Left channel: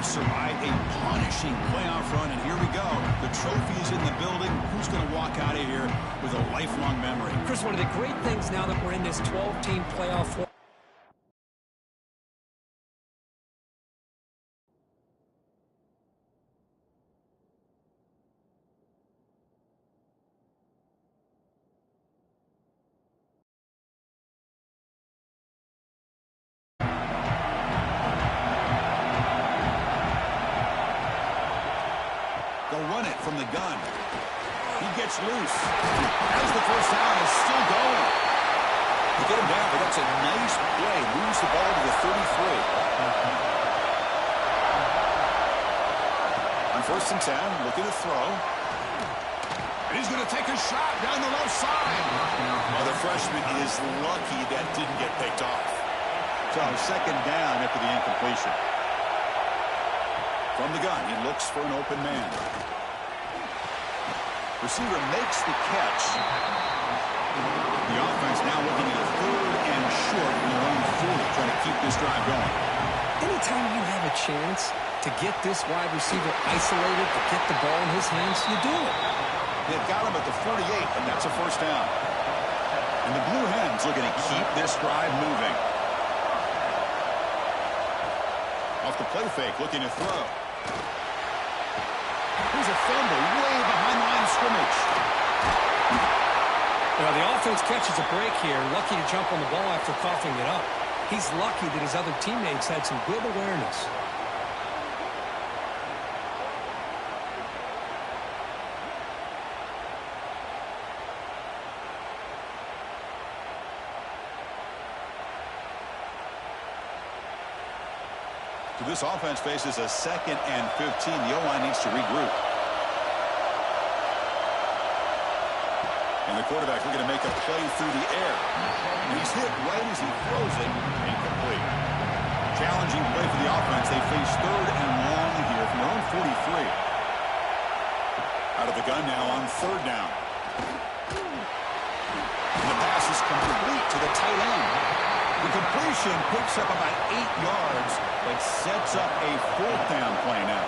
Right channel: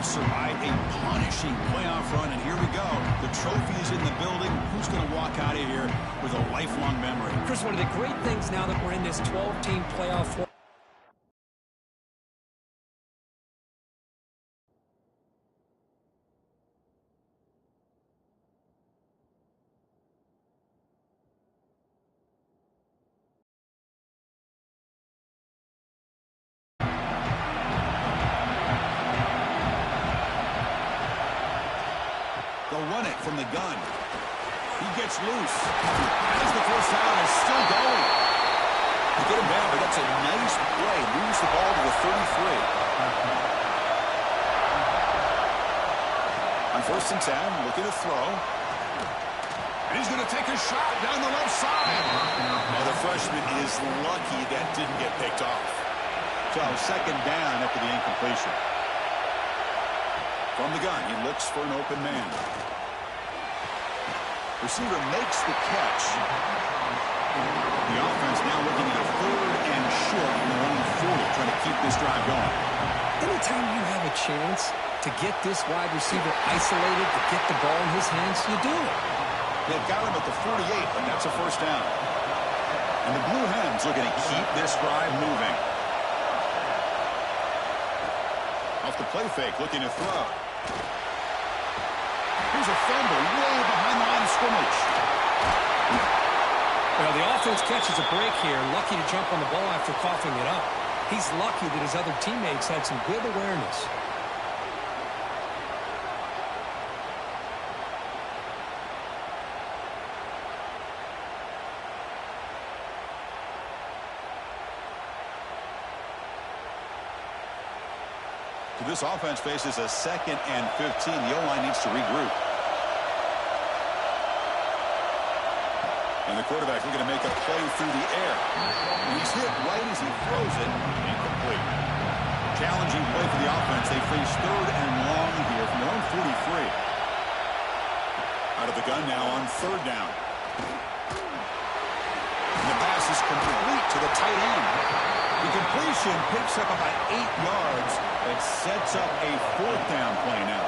have survived a punishing playoff run, and here we go. The trophy is in the building. Who's going to walk out of here with a lifelong memory? Chris, one of the great things now that we're in this 12-team playoff format, They'll run it from the gun. He gets loose. As the first down is still going. They get him down, but that's a nice play. Moves the ball to the 33. On 1st and 10, looking to throw. And he's going to take a shot down the left side. Oh, the freshman is lucky that didn't get picked off. So 2nd down after the incompletion. From the gun, he looks for an open man. Receiver makes the catch. The offense now looking at a 3rd and short from their own 40, trying to keep this drive going. anytime you have a chance to get this wide receiver isolated, to get the ball in his hands, you do it. They've got him at the 48, but that's a 1st down. And the Blue Hens looking to keep this drive moving. Off the play fake, looking to throw. Here's a fumble way behind the line of scrimmage. Well, the offense catches a break here, lucky to jump on the ball after coughing it up. He's lucky that his other teammates had some good awareness. So this offense faces a 2nd and 15. The O-line needs to regroup. And the quarterback looking to make a play through the air. And he's hit right as he throws it. Incomplete. Challenging play for the offense. They face 3rd and long here from their own 43. Out of the gun now on 3rd down. And the pass is complete to the tight end. The completion picks up about 8 yards, but sets up a 4th down play now.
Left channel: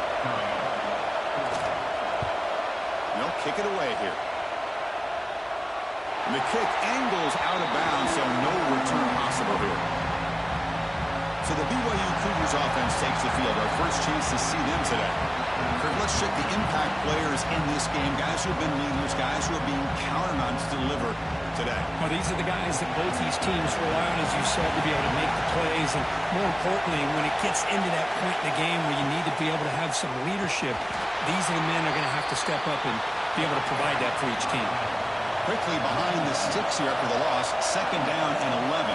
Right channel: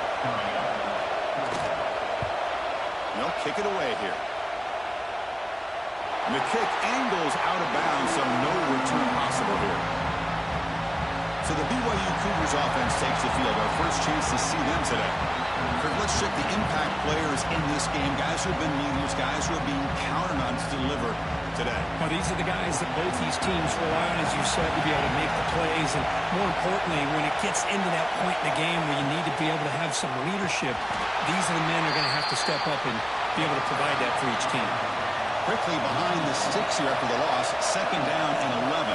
They'll kick it away here. And the kick angles out of bounds, so no return possible here. So the BYU Cougars offense takes the field. Our first chance to see them today. Kirk, let's check the impact players in this game. Guys who have been leaders, guys who are being counted on to deliver today. Well, these are the guys that both these teams rely on, as you said, to be able to make the plays. And more importantly, when it gets into that point in the game where you need to be able to have some leadership, these are the men that are going to have to step up and be able to provide that for each team. Quickly behind the sticks here after the loss. 2nd down and 11.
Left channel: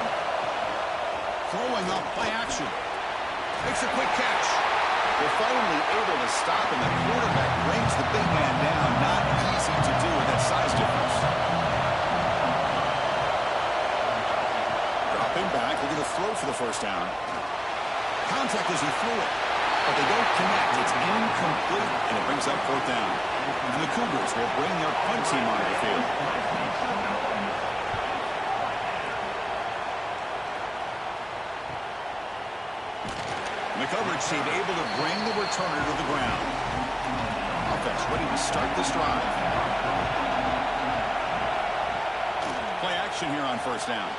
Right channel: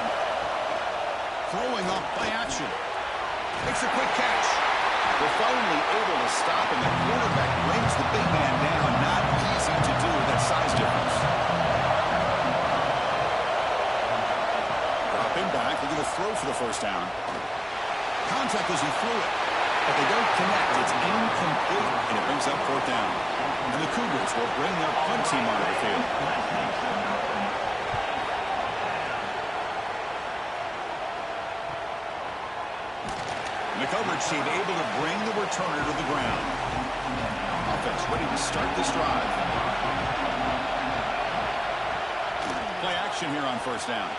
Throwing off play action. Makes a quick catch. They're finally able to stop, and the quarterback brings the big man down. Not easy to do with that size difference. Dropping back, looking to throw for the 1st down. Contact as he threw it, but they don't connect. It's incomplete, and it brings up 4th down. And the Cougars will bring their punt team onto the field. And the coverage team able to bring the returner to the ground. Offense ready to start this drive. Play action here on 1st down.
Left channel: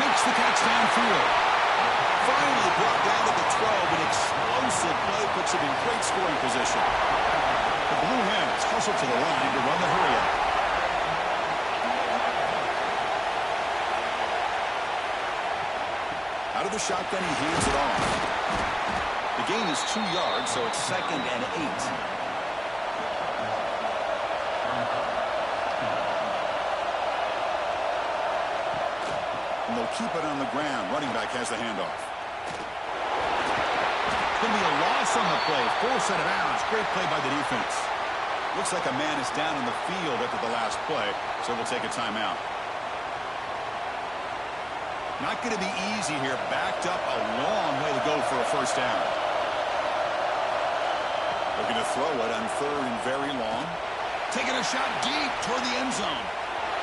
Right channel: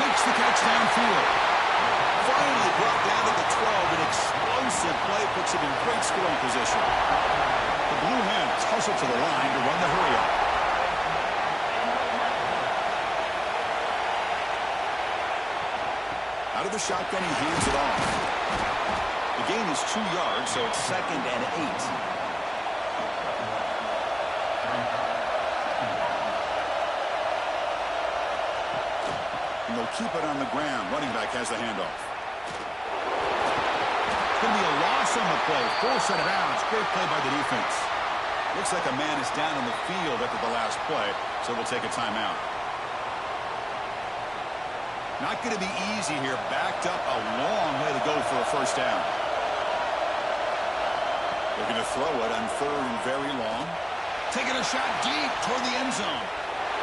Makes the catch downfield. Finally brought down to the 12. An explosive play puts him in great scoring position. The Blue Hens hustle to the line to run the hurry-up. Out of the shotgun, he hands it off. The gain is 2 yards, so it's 2nd and 8. And they'll keep it on the ground. Running back has the handoff. It's going to be a loss on the play. Forced out of bounds. Great play by the defense. Looks like a man is down on the field after the last play, so we'll take a timeout. Not going to be easy here. Backed up a long way to go for a 1st down. Looking to throw it on 3rd and very long. Taking a shot deep toward the end zone.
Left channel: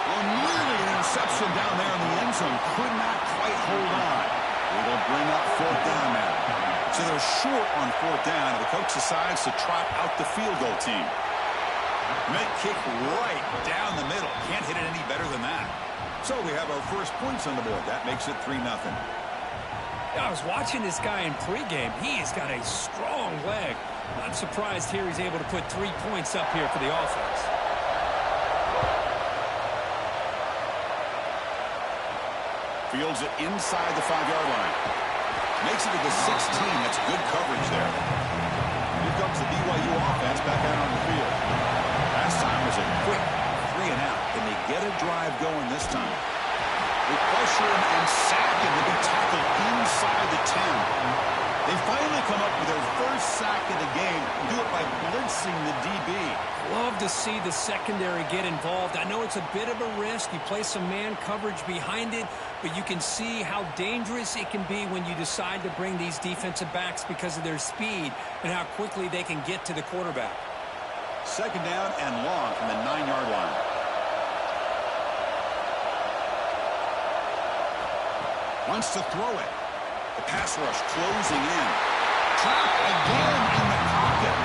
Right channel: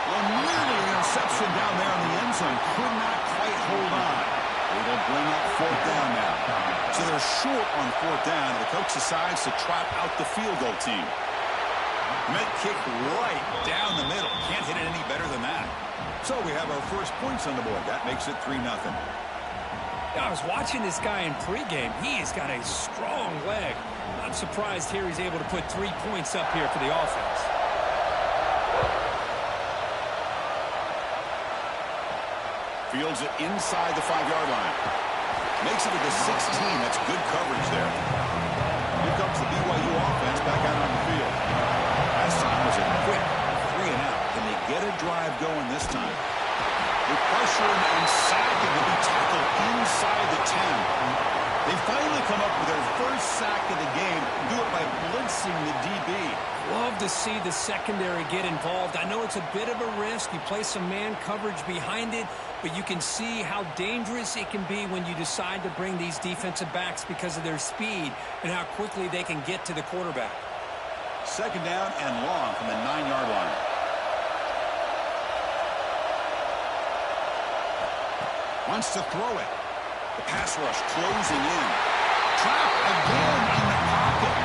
Well, nearly an interception down there in the end zone. Could not quite hold on. They will bring up 4th down now. So they're short on 4th down, and the coach decides to trot out the field goal team. Met kick right down the middle. Can't hit it any better than that. So we have our first points on the board. That makes it 3-0. I was watching this guy in pregame. He's got a strong leg. Not surprised here he's able to put 3 points up here for the offense. Fields it inside the 5-yard line. Makes it to the 16. That's good coverage there. Here comes the BYU offense back out on the field. Last time was a quick 3-and-out. Can they get a drive going this time? They pressure him and sack him to be tackled inside the 10. They finally come up with their first sack of the game. Do it by blitzing the DB. Love to see the secondary get involved. I know it's a bit of a risk. You play some man coverage behind it, but you can see how dangerous it can be when you decide to bring these defensive backs because of their speed and how quickly they can get to the quarterback. 2nd down and long from the 9-yard line. Wants to throw it. The pass rush closing in. Trapped again in the pocket.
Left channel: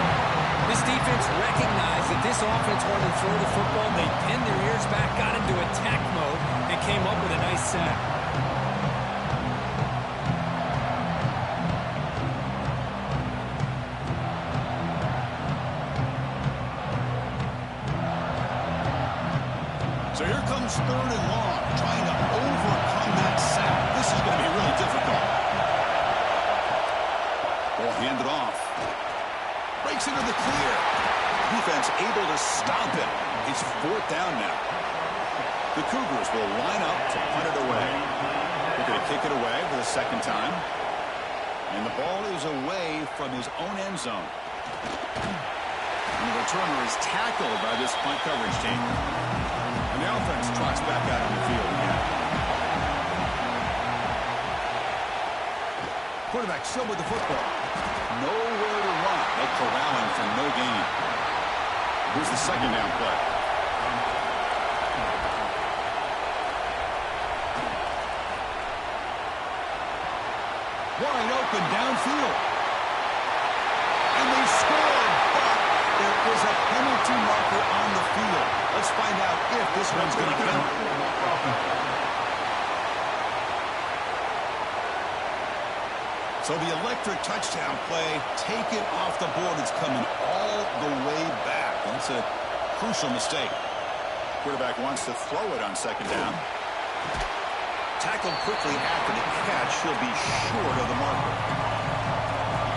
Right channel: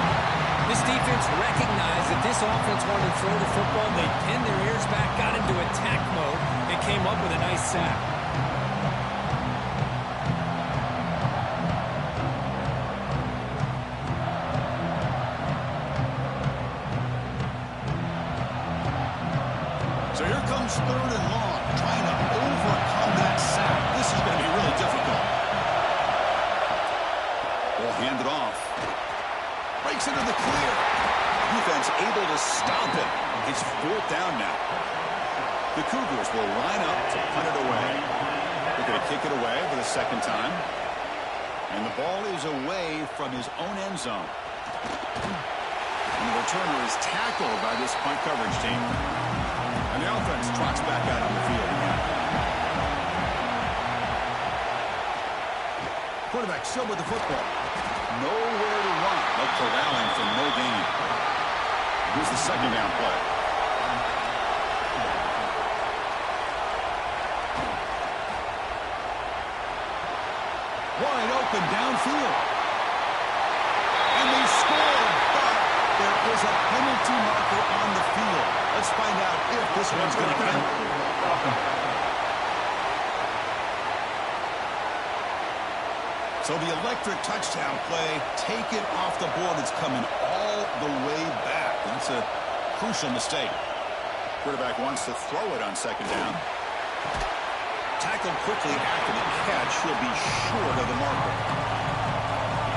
This defense recognized that this offense wanted to throw the football. They pinned their ears back, got into attack mode, and came up with a nice sack. So here comes 3rd and long, trying to overcome that sack. This is going to be really difficult. Ball handed off. Breaks into the clear. Defense able to stop it. It's 4th down now. The Cougars will line up to punt it away. They're going to kick it away for the 2nd time. And the ball is away from his own end zone. And the returner is tackled by this punt coverage team. And the offense trots back out on the field again. Quarterback still with the football. Nowhere to run. No corralling for no gain. Here's the 2nd down play. Wide open downfield. And they score, but there is a penalty marker on the field. Let's find out if this one's going to count. So the electric touchdown play, take it off the board. It's coming all the way back. That's a crucial mistake. Quarterback wants to throw it on 2nd down. Tackled quickly after the catch. He'll be short of the marker.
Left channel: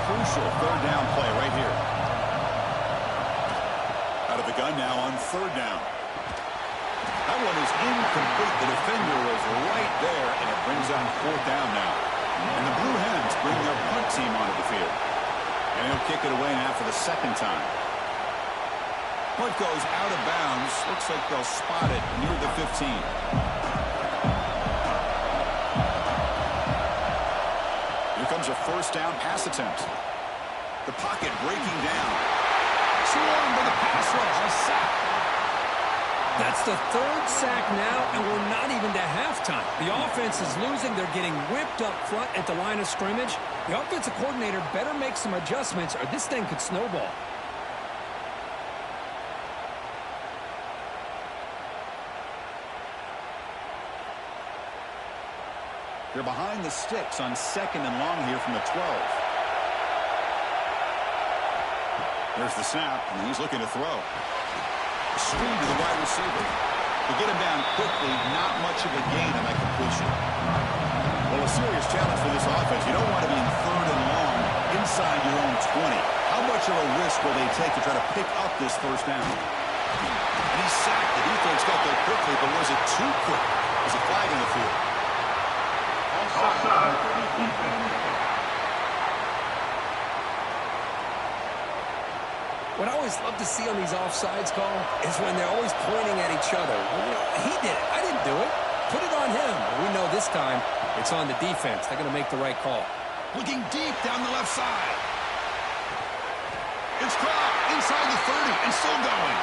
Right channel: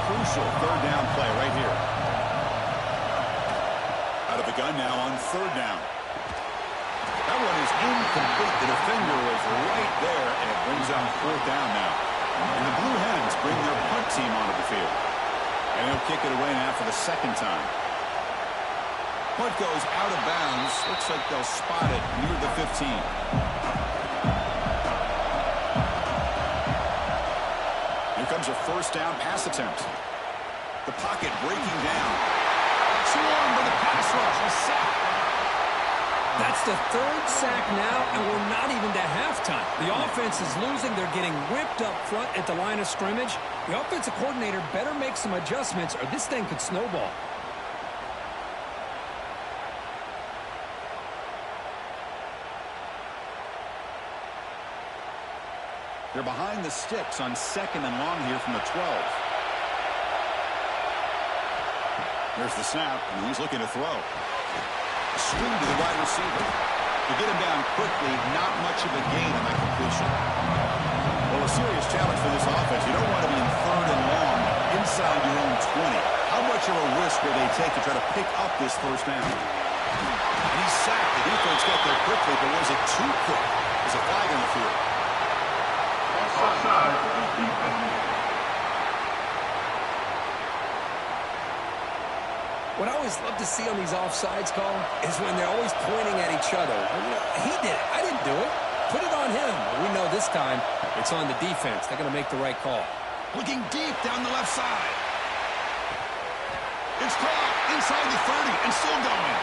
Crucial 3rd down play right here. Out of the gun now on 3rd down. That one is incomplete. The defender was right there, and it brings on 4th down now. And the Blue Hens bring their punt team onto the field. And he'll kick it away now for the 2nd time. Punt goes out of bounds. Looks like they'll spot it near the 15. Here comes a 1st down pass attempt. The pocket breaking down. Swarmed by the pass rush. A sack. That's the 3rd sack now, and we're not even to halftime. The offense is losing. They're getting whipped up front at the line of scrimmage. The offensive coordinator better make some adjustments, or this thing could snowball. They're behind the sticks on 2nd and long here from the 12. There's the snap, and he's looking to throw. Screen to the wide receiver. To get him down quickly, not much of a gain on that completion. Well, a serious challenge for this offense. You don't want to be in 3rd and long inside your own 20. How much of a risk will they take to try to pick up this 1st down? And he's sacked. The defense got there quickly, but was it too quick? There's a flag on the field. Offside. What I always love to see on these offsides call is when they're always pointing at each other. Well, you know, he did it. I didn't do it. Put it on him. We know this time it's on the defense. They're going to make the right call. Looking deep down the left side. It's caught inside the 30 and still going.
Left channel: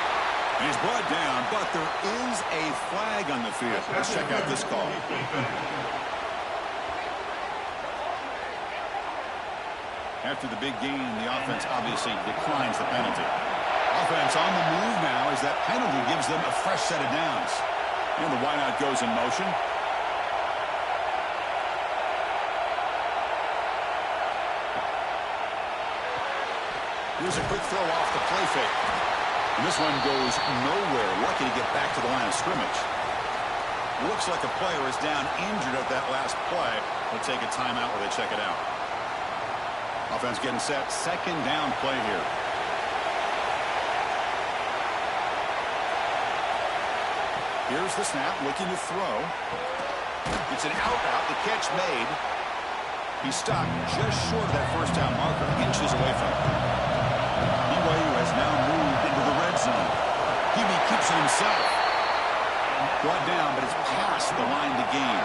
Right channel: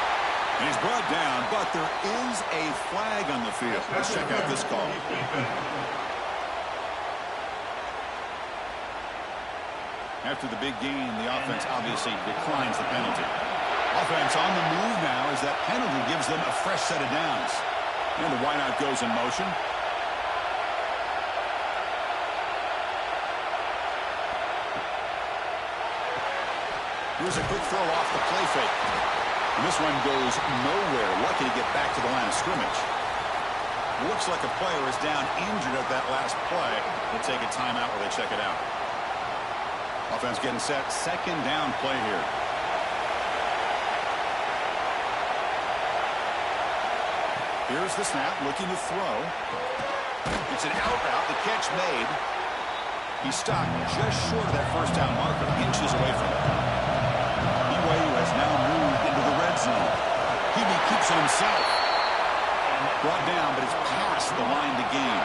And he's brought down, but there is a flag on the field. Let's check out this call. After the big gain, the offense obviously declines the penalty. Offense on the move now as that penalty gives them a fresh set of downs. And the wideout goes in motion. Here's a quick throw off the play fake. And this one goes nowhere. Lucky to get back to the line of scrimmage. Looks like a player is down injured at that last play. They'll take a timeout while they check it out. Offense getting set. Second down play here. Here's the snap, looking to throw. It's an out route, the catch made. He's stopped just short of that first down marker, inches away from it. BYU has now moved into the red zone. Hebe keeps it himself. Brought down, but it's past the line to gain.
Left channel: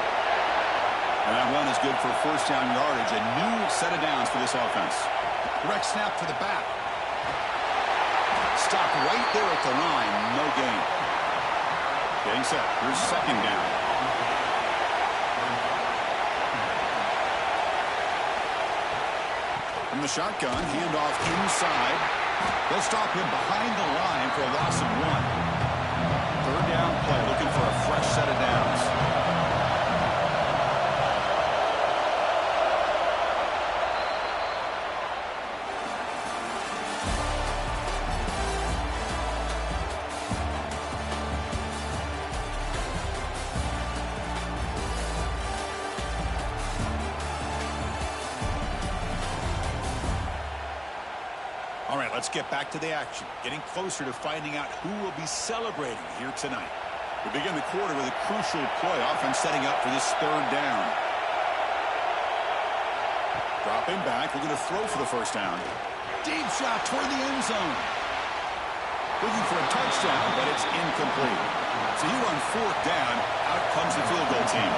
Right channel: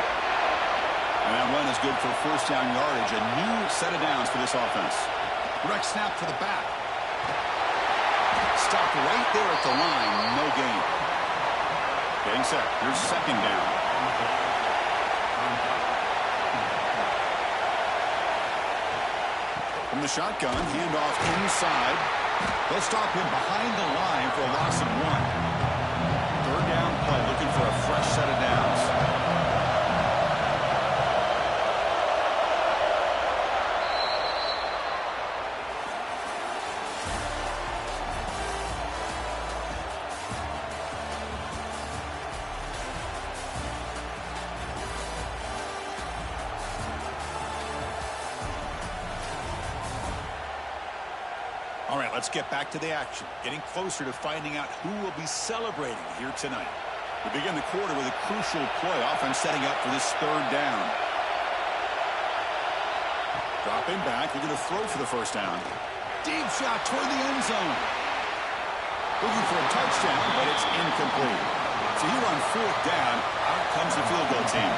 And that run is good for first down yardage, a new set of downs for this offense. Direct snap to the back. Stopped right there at the line, no gain. Getting set. Here's second down. From the shotgun, handoff inside. They'll stop him behind the line for a loss of 1. Third down play, looking for a fresh set of downs. All right, let's get back to the action. Getting closer to finding out who will be celebrating here tonight. We begin the quarter with a crucial play. Offense setting up for this third down. Dropping back. They're going to throw for the first down. Deep shot toward the end zone. Looking for a touchdown, but it's incomplete. So here on fourth down, out comes the field goal team.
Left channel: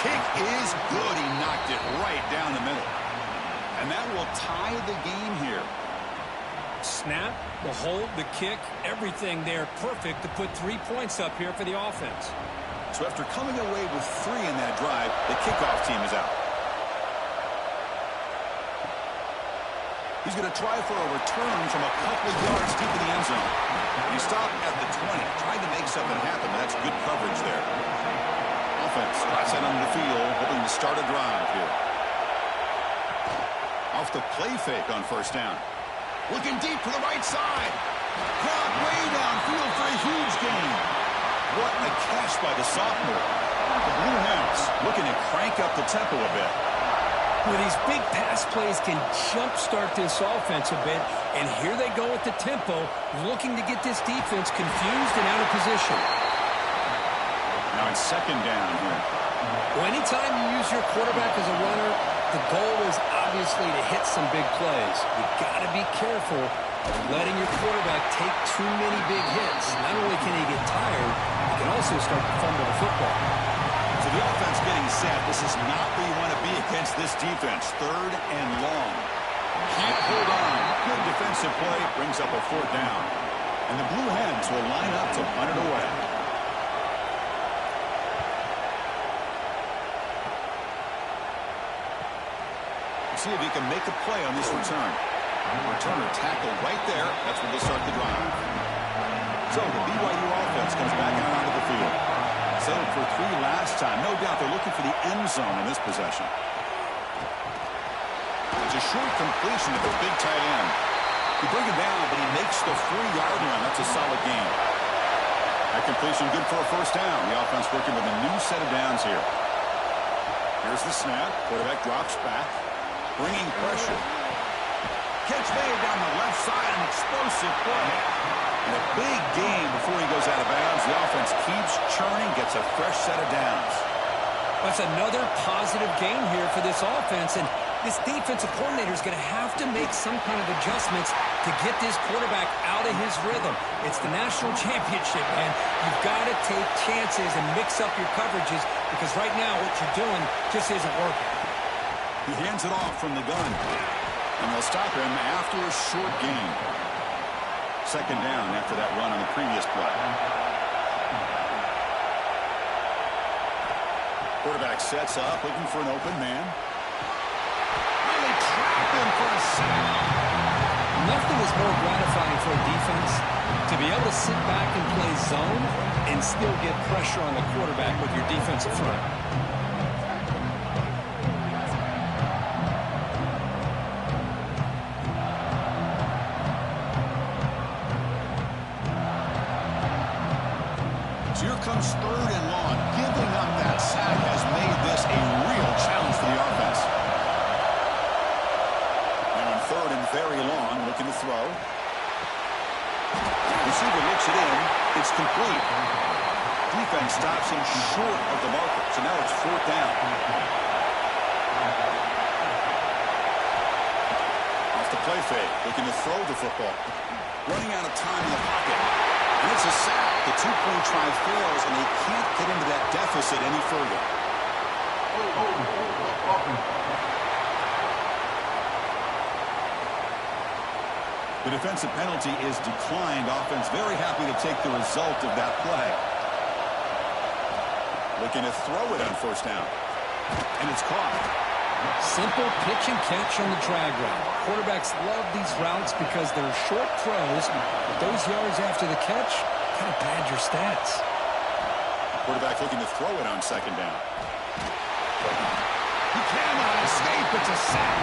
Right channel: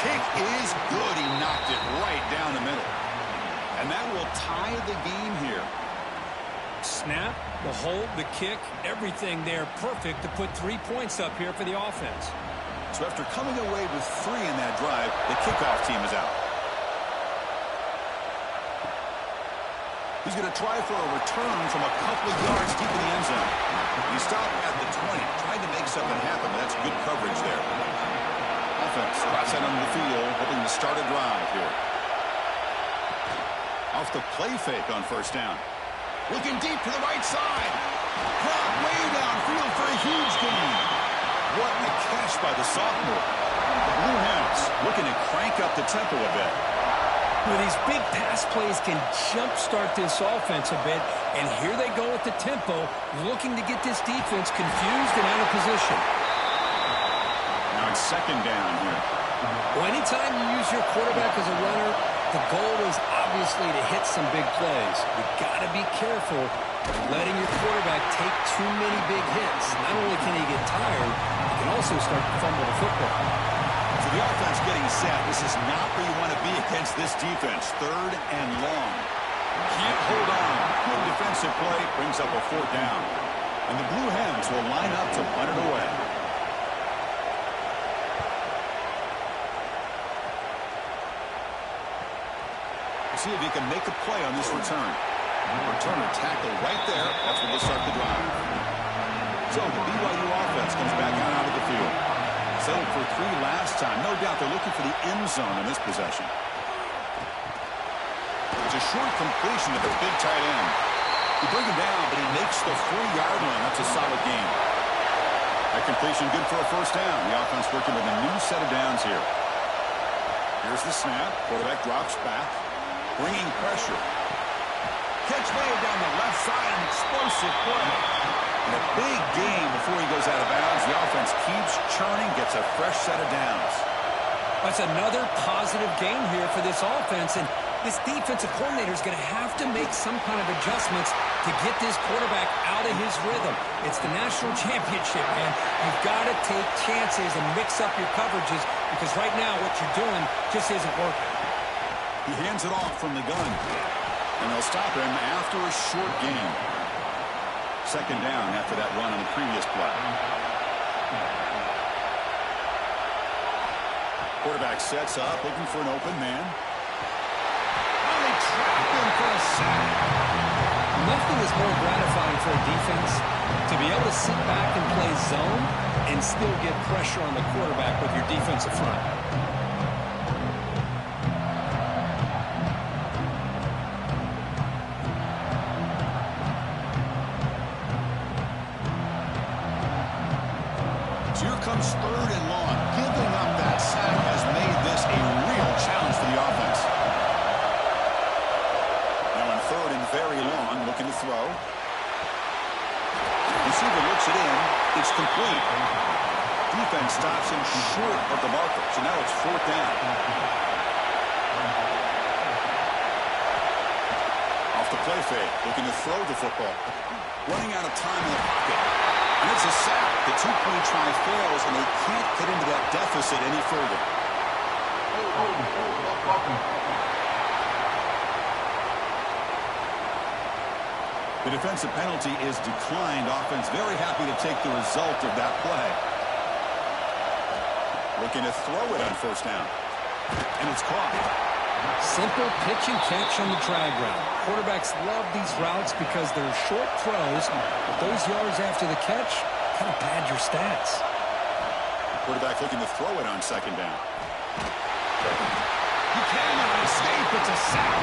Kick is good. He knocked it right down the middle. And that will tie the game here. Snap, the hold, the kick, everything there perfect to put 3 points up here for the offense. So after coming away with 3 in that drive, the kickoff team is out. He's going to try for a return from a couple of yards deep in the end zone. He stopped at the 20, tried to make something happen, but that's good coverage there. Offense drops out on the field, hoping to start a drive here. Off the play fake on first down. Looking deep to the right side. Crowd way downfield for a huge gain. What a catch by the sophomore. The Blue Hens looking to crank up the tempo a bit. Well, these big pass plays can jumpstart this offense a bit, and here they go with the tempo, looking to get this defense confused and out of position. Now it's second down here. Well, anytime you use your quarterback as a runner, the goal is obviously to hit some big plays. You got to be careful of letting your quarterback take too many big hits. Not only can he get tired, he can also start to fumble the football. So the offense getting set. This is not where you want to be against this defense. Third and long. Can't hold on. Good defensive play. Brings up a fourth down. And the Blue Hens will line up to punt it away. See if he can make a play on this return. Returner tackle right there. That's where they'll start the drive. So the BYU offense comes back out onto the field. Settled for 3 last time. No doubt they're looking for the end zone in this possession. It's a short completion to the big tight end. You bring him down, but he makes the 4-yard line. That's a solid gain. That completion good for a first down. The offense working with a new set of downs here. Here's the snap. Quarterback drops back. Bringing pressure. Catch made down the left side, an explosive play. And a big gain before he goes out of bounds. The offense keeps churning, gets a fresh set of downs. That's another positive gain here for this offense, and this defensive coordinator is going to have to make some kind of adjustments to get this quarterback out of his rhythm. It's the national championship, man. You've got to take chances and mix up your coverages, because right now what you're doing just isn't working. He hands it off from the gun. And they'll stop him after a short gain. Second down after that run on the previous play. Quarterback sets up, looking for an open man. Oh, they trap him for a sack. Nothing is more gratifying for a defense to be able to sit back and play zone and still get pressure on the quarterback with your defensive front. So here comes 3rd and long. Giving up that sack has made this a real challenge for the offense. Now on 3rd and very long, looking to throw. Receiver looks it in. It's complete. Defense stops him short of the marker. So now it's 4th down. Off the play fake. Looking to throw the football. Running out of time in the pocket. And it's a sack. The 2-point try fails, and they can't get into that deficit any further. The defensive penalty is declined. Offense very happy to take the result of that play. Looking to throw it on 1st down. And it's caught. Simple pitch and catch on the drag route. Quarterbacks love these routes because they're short throws, but those yards after the catch kind of pad your stats. Quarterback looking to throw it on 2nd down. He cannot escape. It's a sack.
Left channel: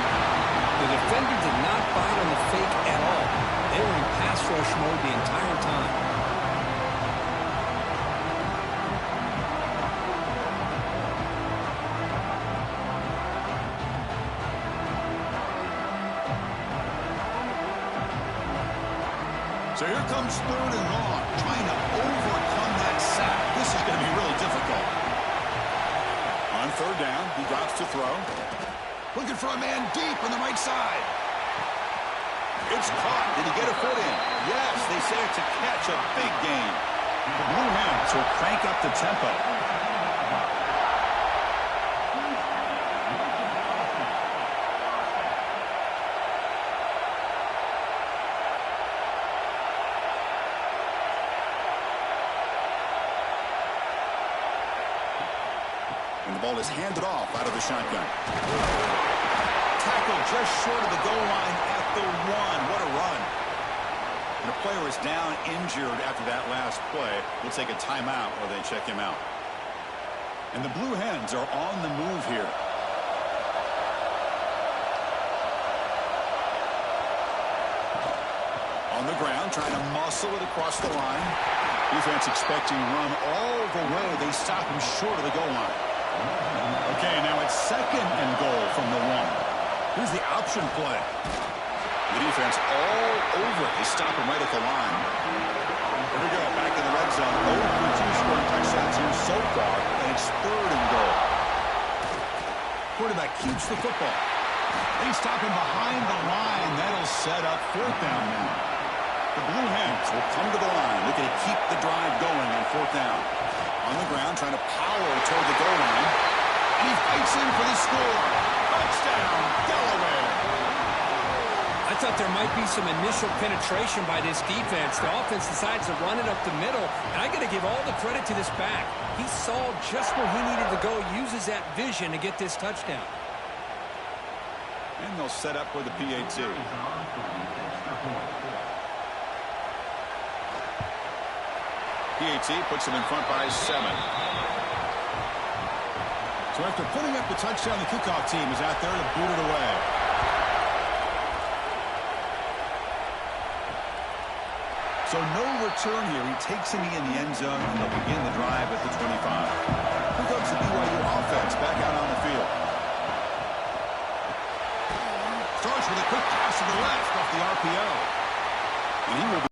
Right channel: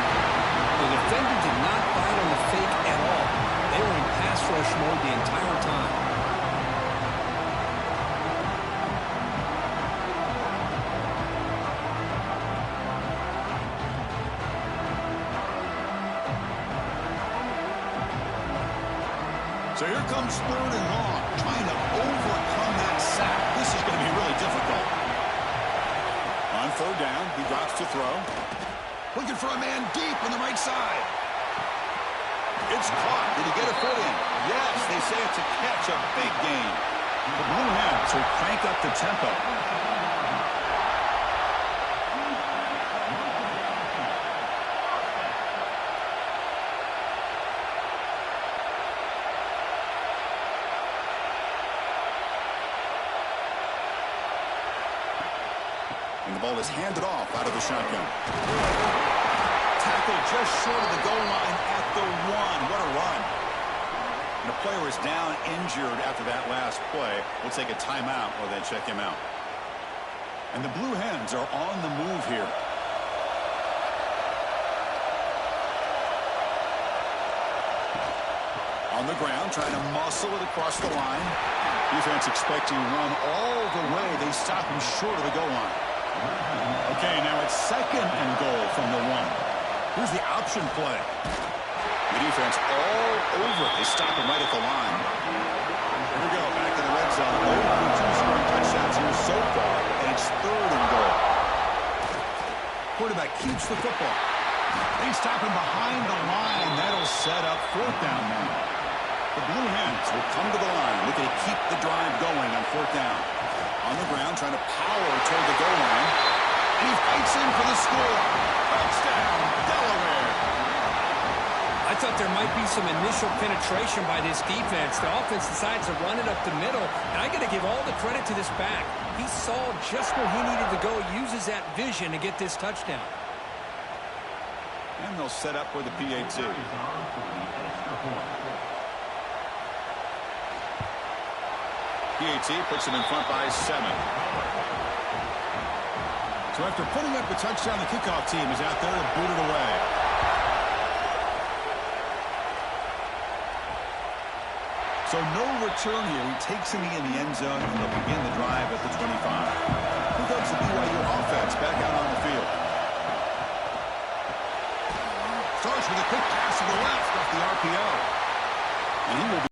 The defender did not bite on the fake at all. They were in pass rush mode the entire time. So here comes 3rd and long, trying to overcome that sack. This is going to be really difficult. On 3rd down, he drops to throw. Looking for a man deep on the right side. It's caught. Did he get a foot in? Yes, they say it's a catch, a big gain. The Blue Hens will crank up the tempo. And the ball is handed off out of the shotgun. Tackle just short of the goal line at the 1. What a run. And the player is down injured after that last play. We'll take a timeout while they check him out. And the Blue Hens are on the move here. On the ground, trying to muscle it across the line. Defense expecting run all the way. They stop him short of the goal line. Okay, now it's 2nd and goal from the 1. Here's the option play. The defense all over it. They stop him right at the line. Here we go, back in the red zone. 0-2 scoring touchdowns here so far, and it's 3rd and goal. Quarterback keeps the football. They stop him behind the line. That'll set up 4th down now. The Blue Hens will come to the line, looking to keep the drive going on 4th down. On the ground, trying to power toward the goal line. And he fights in for the score. Touchdown, Delaware. I thought there might be some initial penetration by this defense. The offense decides to run it up the middle, and I got to give all the credit to this back. He saw just where he needed to go, uses that vision to get this touchdown. And they'll set up with the PAT. PAT puts him in front by 7. So after putting up the touchdown, the kickoff team is out there to boot it away. So no return here. He takes him in the end zone, and they'll begin the drive at the 25. Here comes the BYU offense back out on the field. Starts with a quick pass to the left off the RPO. And he will be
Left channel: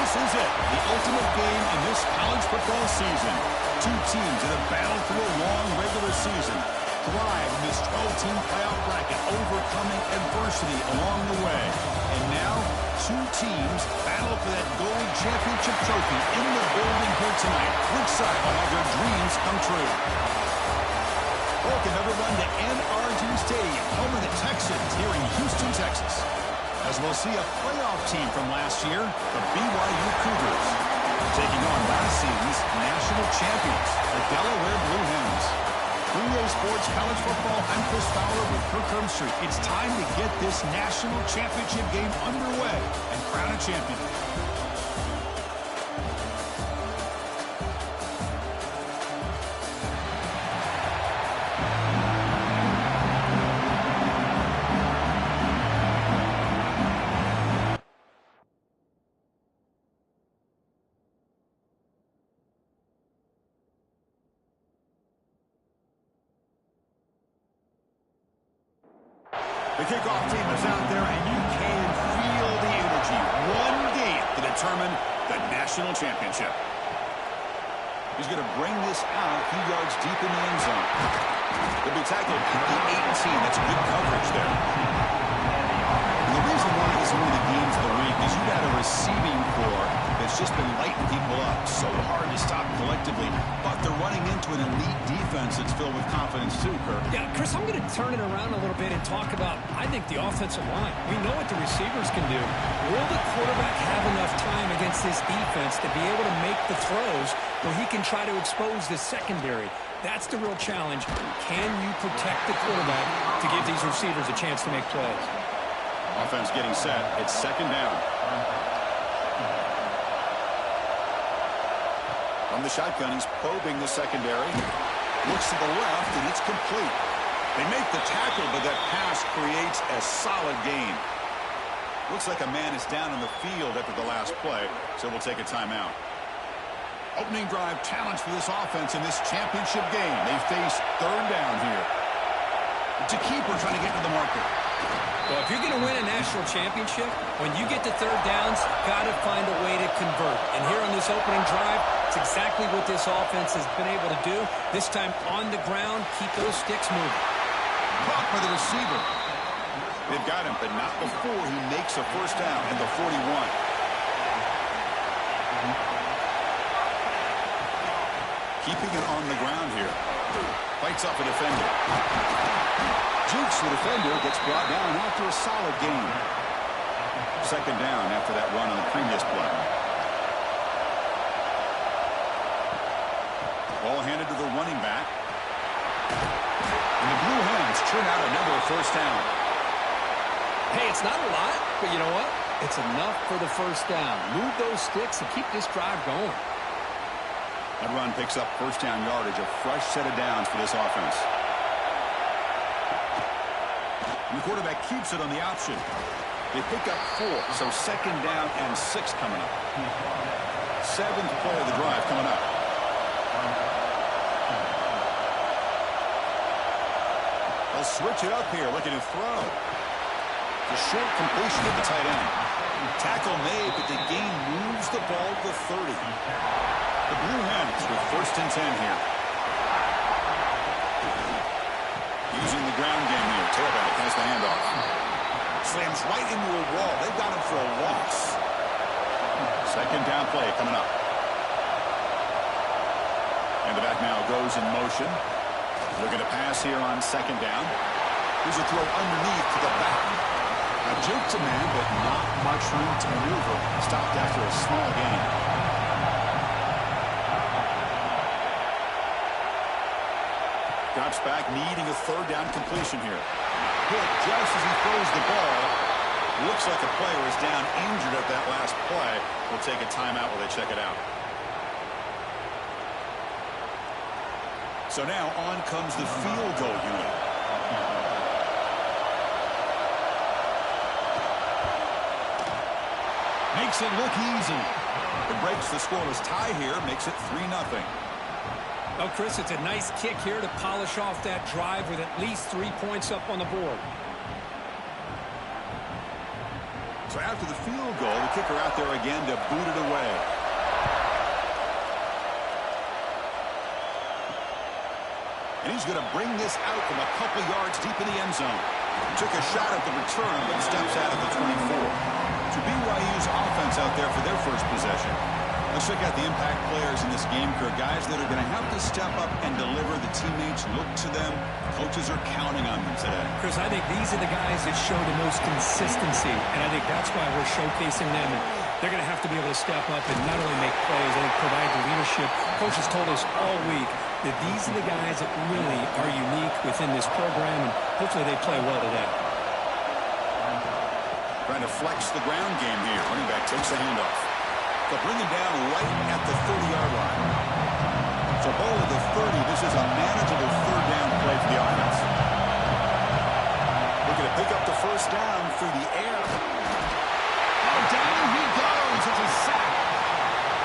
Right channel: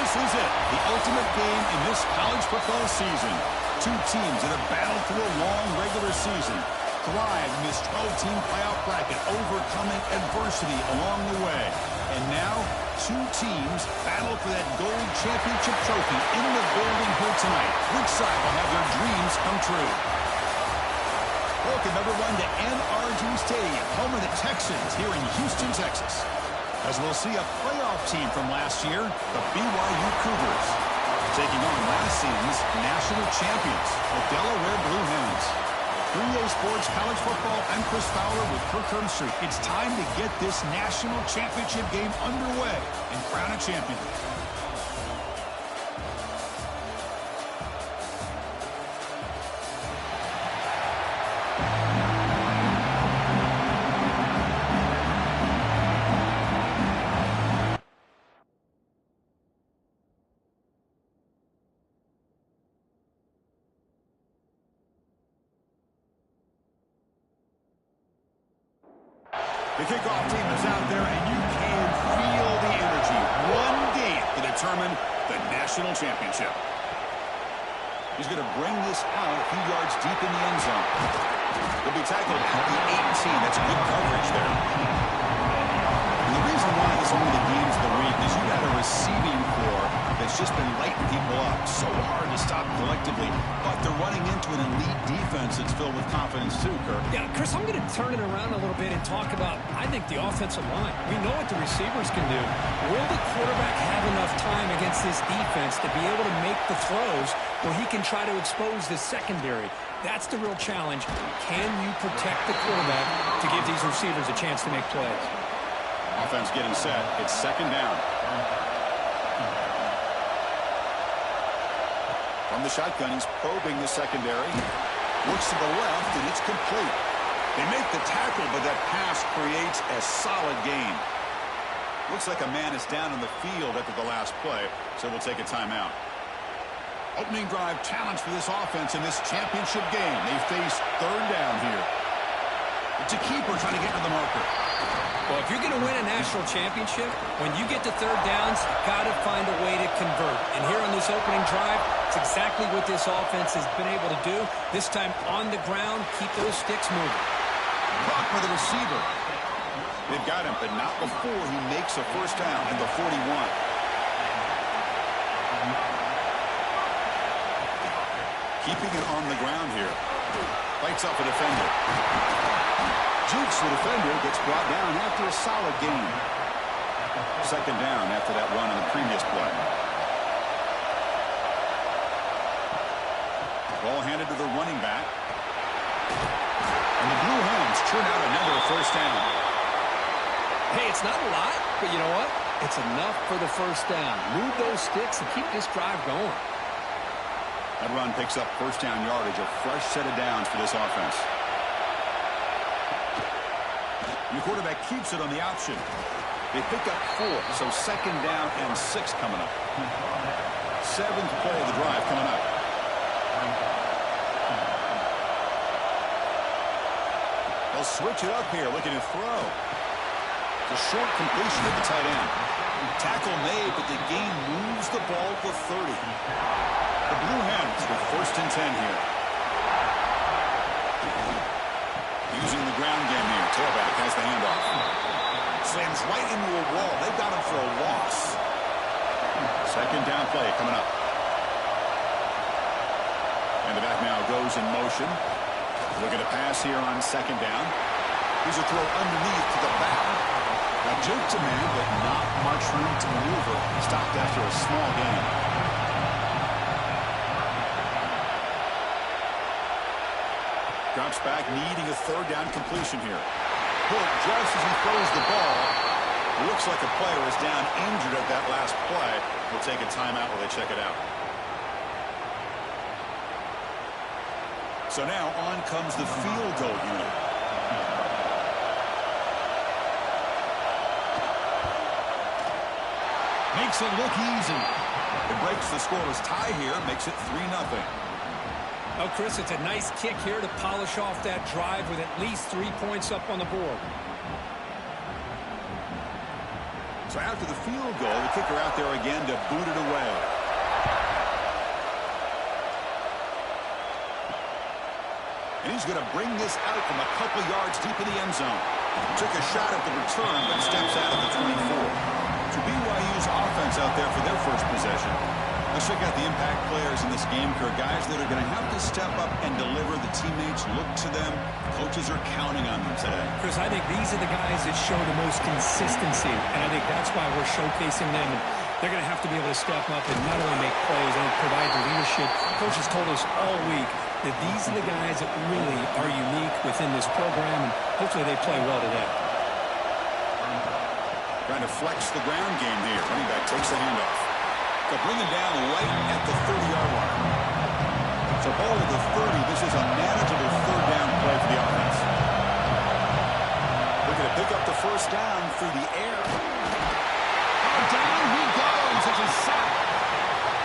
This is it, the ultimate game in this college football season. Two teams that have battled through a long regular season, thrive in this 12-team playoff bracket, overcoming adversity along the way. And now, two teams battle for that gold championship trophy in the building here tonight. Which side will have their dreams come true? Welcome, everyone, to NRG Stadium, home of the Texans here in Houston, Texas. As we'll see a playoff team from last year, the BYU Cougars, taking on last season's national champions, the Delaware Blue Hens. 3A Sports College Football, I'm Chris Fowler with Kirk Herbstreit. It's time to get this national championship game underway and crown a champion. The kickoff team is out there, and you can feel the energy. One game to determine the national championship. He's going to bring this out a few yards deep in the end zone. They'll be tackled at the 18. That's good coverage there. And the reason why this is one of the games of the week is you got a receiving corps that's just been lighting people up. So hard to stop collectively, but they're running into an elite defense that's filled with confidence too, Kirk. Yeah, Chris, I'm going to turn it around a little bit and talk about, I think, the offensive line. We know what the receivers can do. Will the quarterback have enough time against this defense to be able to make the throws where he can try to expose the secondary? That's the real challenge. Can you protect the quarterback to give these receivers a chance to make plays? Offense getting set. It's second down. From the shotgun, he's probing the secondary. Looks to the left, and it's complete. They make the tackle, but that pass creates a solid gain. Looks like a man is down on the field after the last play, so we'll take a timeout. Opening drive challenge for this offense in this championship game. They face third down here. It's a keeper trying to get to the marker. Well, if you're going to win a national championship, when you get to third downs, you've got to find a way to convert. And here on this opening drive, it's exactly what this offense has been able to do. This time on the ground, keep those sticks moving. Caught by the receiver. They've got him, but not before he makes a first down at the 41. Keeping it on the ground here. Fights off a defender. Jukes the defender, gets brought down after a solid gain. Second down after that run on the previous play. Ball handed to the running back. And the Blue Hens churn out another first down. Hey, it's not a lot, but you know what? It's enough for the first down. Move those sticks and keep this drive going. That run picks up first down yardage, a fresh set of downs for this offense. And the quarterback keeps it on the option. They pick up 4, so second down and 6 coming up. 7th play of the drive coming up. They'll switch it up here, looking to throw. It's a short completion at the tight end. Tackle made, but the gain moves the ball to 30. The Blue Hens with first and 10 here. Using the ground game here. Tailback has the handoff. Slams right into a wall. They've got him for a loss. Second down play coming up. And the back now goes in motion. Looking to pass here on second down. Here's a throw underneath to the back. A juke to man, but not much room to maneuver. Stopped after a small gain. Drops back, needing a third down completion here. Hit just as he throws the ball. Looks like a player is down injured at that last play. We'll take a timeout while they check it out. So now on comes the field goal unit. Makes it look easy. It breaks the scoreless tie here, makes it 3-0. Oh, Chris, it's a nice kick here to polish off that drive with at least 3 points up on the board. So after the field goal, the kicker out there again to boot it away. And he's going to bring this out from a couple yards deep in the end zone. Took a shot at the return, but steps out of the 24. So BYU's offense out there for their first possession. Let's check out the impact players in this game, Kirk. Guys that are going to have to step up and deliver. The teammates look to them. Coaches are counting on them today. Chris, I think these are the guys that show the most consistency, and I think that's why we're showcasing them. And they're going to have to be able to step up and not only make plays, I think provide the leadership. Coaches told us all week that these are the guys that really are unique within this program, and hopefully they play well today. Trying to flex the ground game here. Running back takes the handoff. They'll bring him down right at the 30-yard line. So ball at the 30. This is a manageable third down play for the offense. Looking to pick up the first down through the air. Oh, down he goes. It's a sack.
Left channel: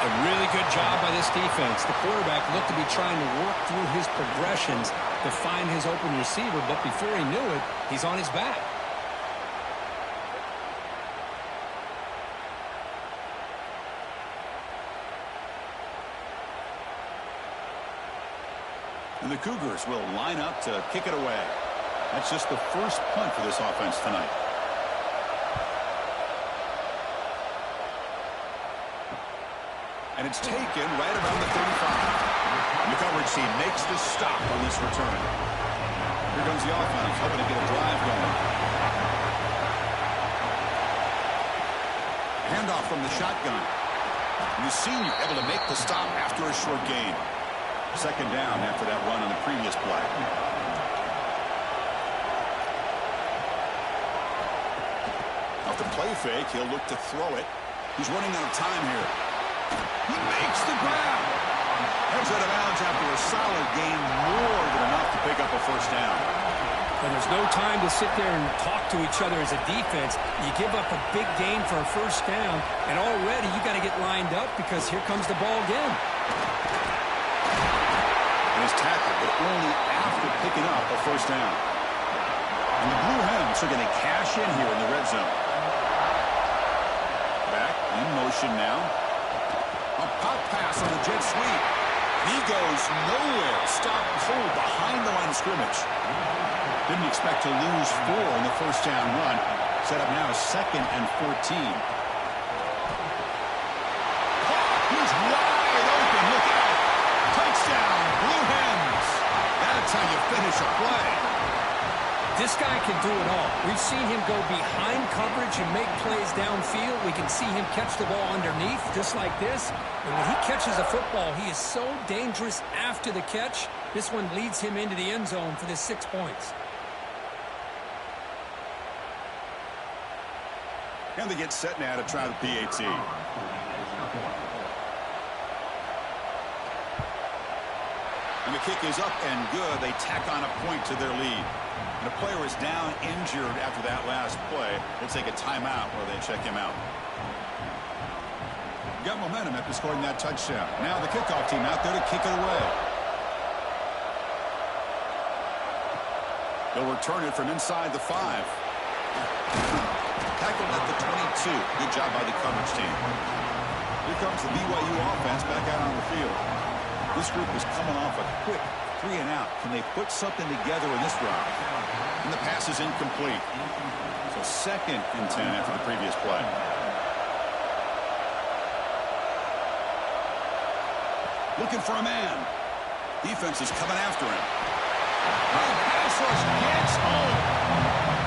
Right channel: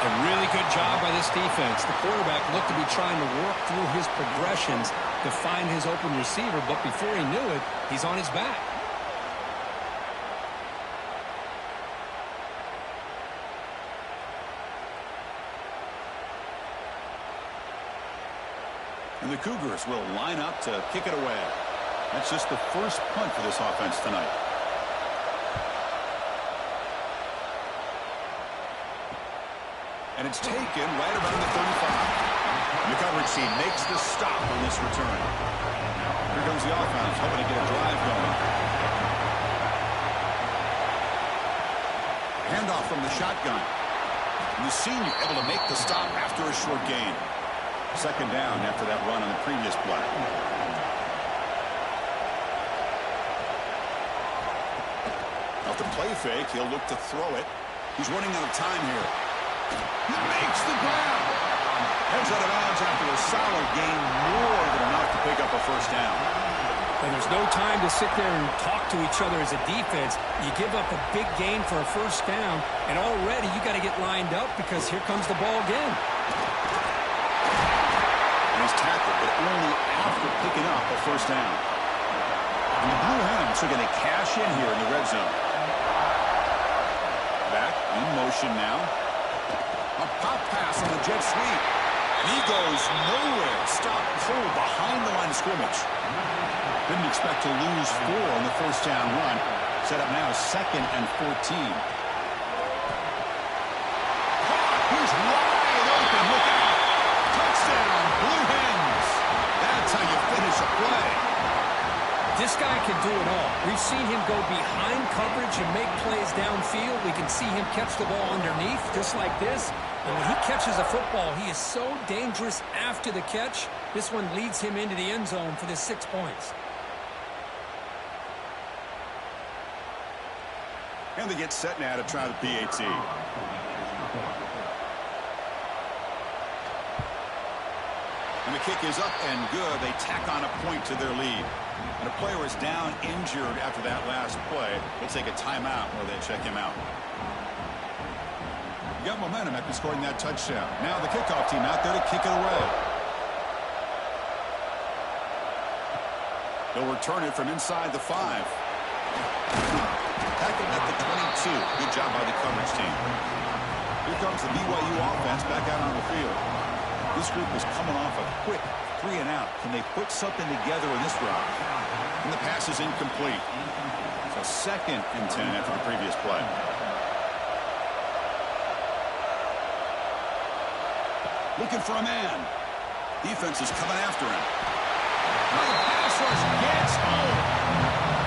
A really good job by this defense. The quarterback looked to be trying to work through his progressions to find his open receiver, but before he knew it, he's on his back. And the Cougars will line up to kick it away. That's just the first punt for this offense tonight. And it's taken right around the 35. And the coverage team makes the stop on this return. Here comes the offense, hoping to get a drive going. Handoff from the shotgun. And the senior able to make the stop after a short gain. Second down after that run on the previous play. Off the play fake, he'll look to throw it. He's running out of time here. He makes the grab. Heads out of bounds after a solid gain, more than enough to pick up a first down. And there's no time to sit there and talk to each other as a defense. You give up a big gain for a first down, and already you got to get lined up because here comes the ball again. And he's tackled, but only after picking up a first down. And the Blue Hens are going to cash in here in the red zone. Back in motion now. A pop pass on the jet sweep. And he goes nowhere. Stopped cold behind the line of scrimmage. Didn't expect to lose 4 in the first down run. Set up now 2nd and 14. He's wide open. Look out. Touchdown, Blue Hens. That's how you finish a play. This guy can do it all. We've seen him go behind coverage and make plays downfield. We can see him catch the ball underneath just like this. And when he catches a football, he is so dangerous after the catch. This one leads him into the end zone for the 6 points. And they get set now to try the PAT. And the kick is up and good. They tack on a point to their lead. And a player is down injured after that last play. We'll take a timeout while they check him out. You got momentum after scoring that touchdown. Now the kickoff team out there to kick it away. They'll return it from inside the 5. Tackled at the 22. Good job by the coverage team. Here comes the BYU offense back out on the field. This group is coming off a quick 3 and out. Can they put something together in this drive? And the pass is incomplete. So 2nd and 10 after the previous play. Looking for a man. Defense is coming after him. Now the pass rush gets home.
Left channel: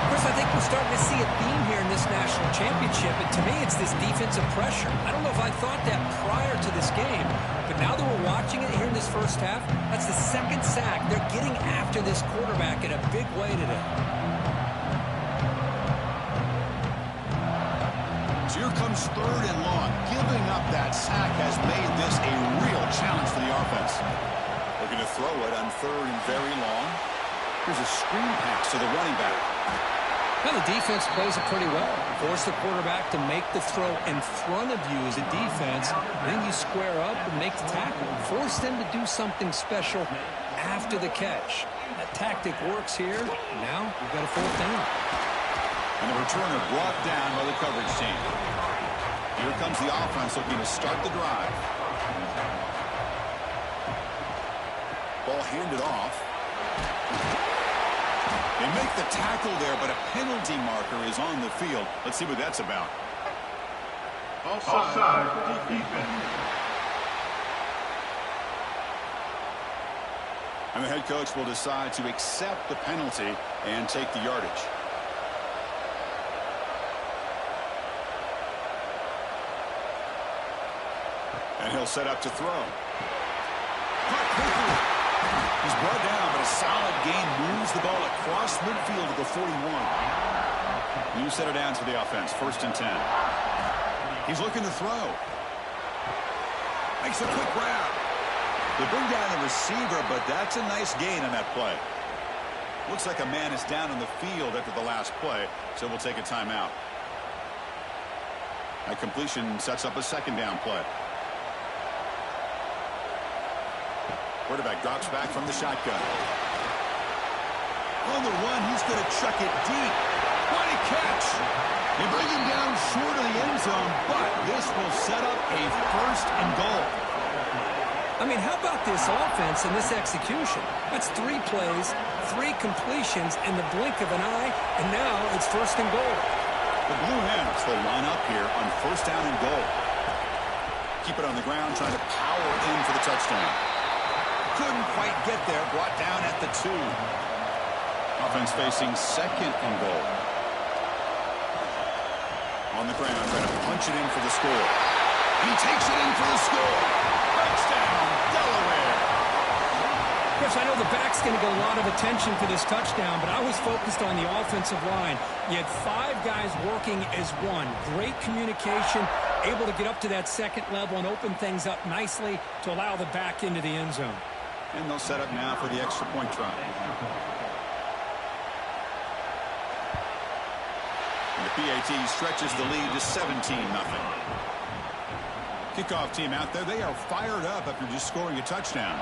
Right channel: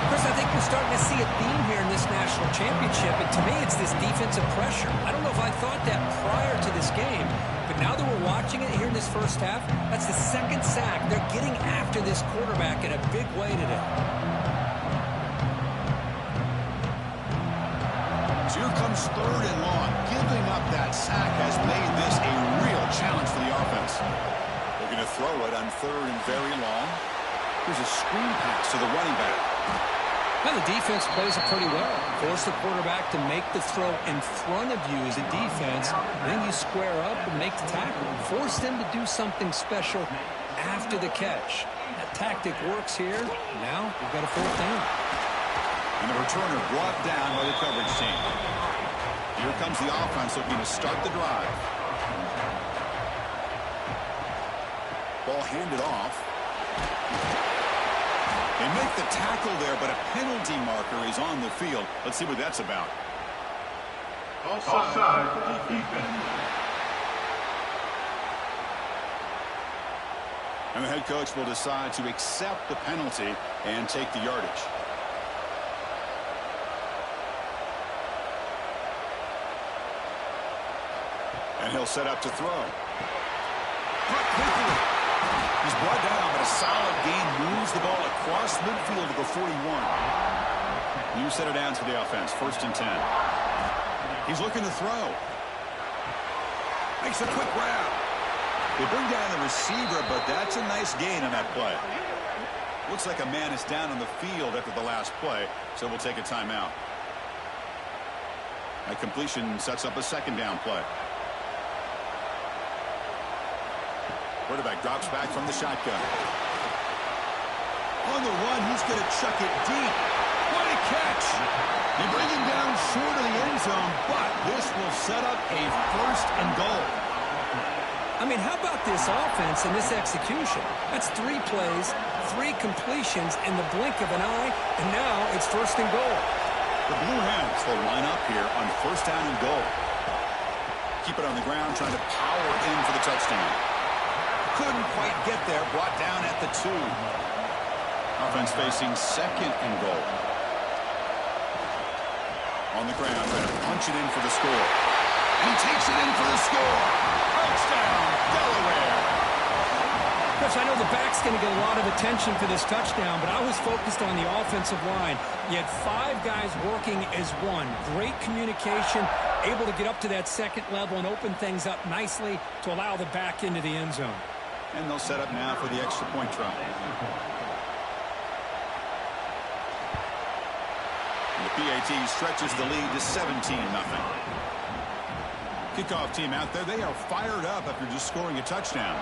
Chris, I think we're starting to see a theme here in this national championship, and to me it's this defensive pressure. I don't know if I thought that prior to this game, but now that we're watching it here in this first half, that's the 2nd sack. They're getting after this quarterback in a big way today. So here comes 3rd and long. Giving up that sack has made this a real challenge for the offense. They're going to throw it on 3rd and very long. Here's a screen pass to the running back. Now the defense plays it pretty well. Force the quarterback to make the throw in front of you as a defense. Then you square up and make the tackle. Force them to do something special after the catch. That tactic works here. Now we've got a 4th down. And the returner brought down by the coverage team. Here comes the offense looking to start the drive. Ball handed off. They make the tackle there, but a penalty marker is on the field. Let's see what that's about. Offside defense. And the head coach will decide to accept the penalty and take the yardage. And he'll set up to throw. Caught quickly. He's brought down, but a solid gain moves the ball across midfield to the 41. You set it down to the offense. 1st and 10. He's looking to throw. Makes a quick grab. They bring down the receiver, but that's a nice gain on that play. Looks like a man is down on the field after the last play, so we'll take a timeout. That completion sets up a 2nd down play. Quarterback drops back from the shotgun. On the run, he's going to chuck it deep. What a catch! They bring him down short of the end zone, but this will set up a 1st and goal. I mean, how about this offense and this execution? That's 3 plays, 3 completions in the blink of an eye, and now it's 1st and goal. The Blue Hens will line up here on 1st down and goal. Keep it on the ground, trying to power in for the touchdown. Couldn't quite get there, brought down at the 2. Offense facing 2nd and goal. On the ground, trying to punch it in for the score. And he takes it in for the score. Touchdown, Delaware. Chris, I know the back's going to get a lot of attention for this touchdown, but I was focused on the offensive line. You had 5 guys working as one. Great communication, able to get up to that 2nd level and open things up nicely to allow the back into the end zone. And they'll set up now for the extra point try. And the PAT stretches the lead to 17-0. Kickoff team out there, they are fired up after just scoring a touchdown.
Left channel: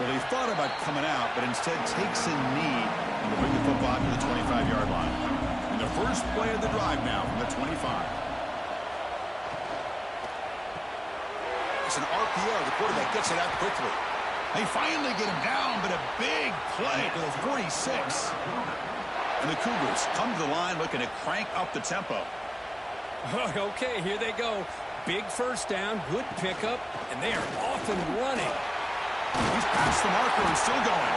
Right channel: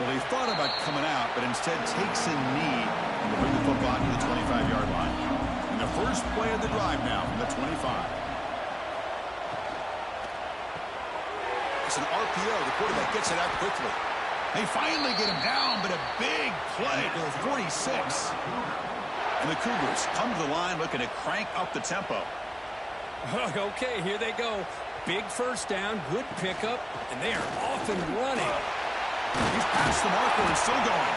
Well, he thought about coming out, but instead takes a knee and to bring the football to the 25-yard line. And the first play of the drive now from the 25. It's an RPO. The quarterback gets it out quickly. They finally get him down, but a big play to the 46. And the Cougars come to the line looking to crank up the tempo. Okay, here they go. Big 1st down, good pickup, and they are off and running. He's past the marker and still going.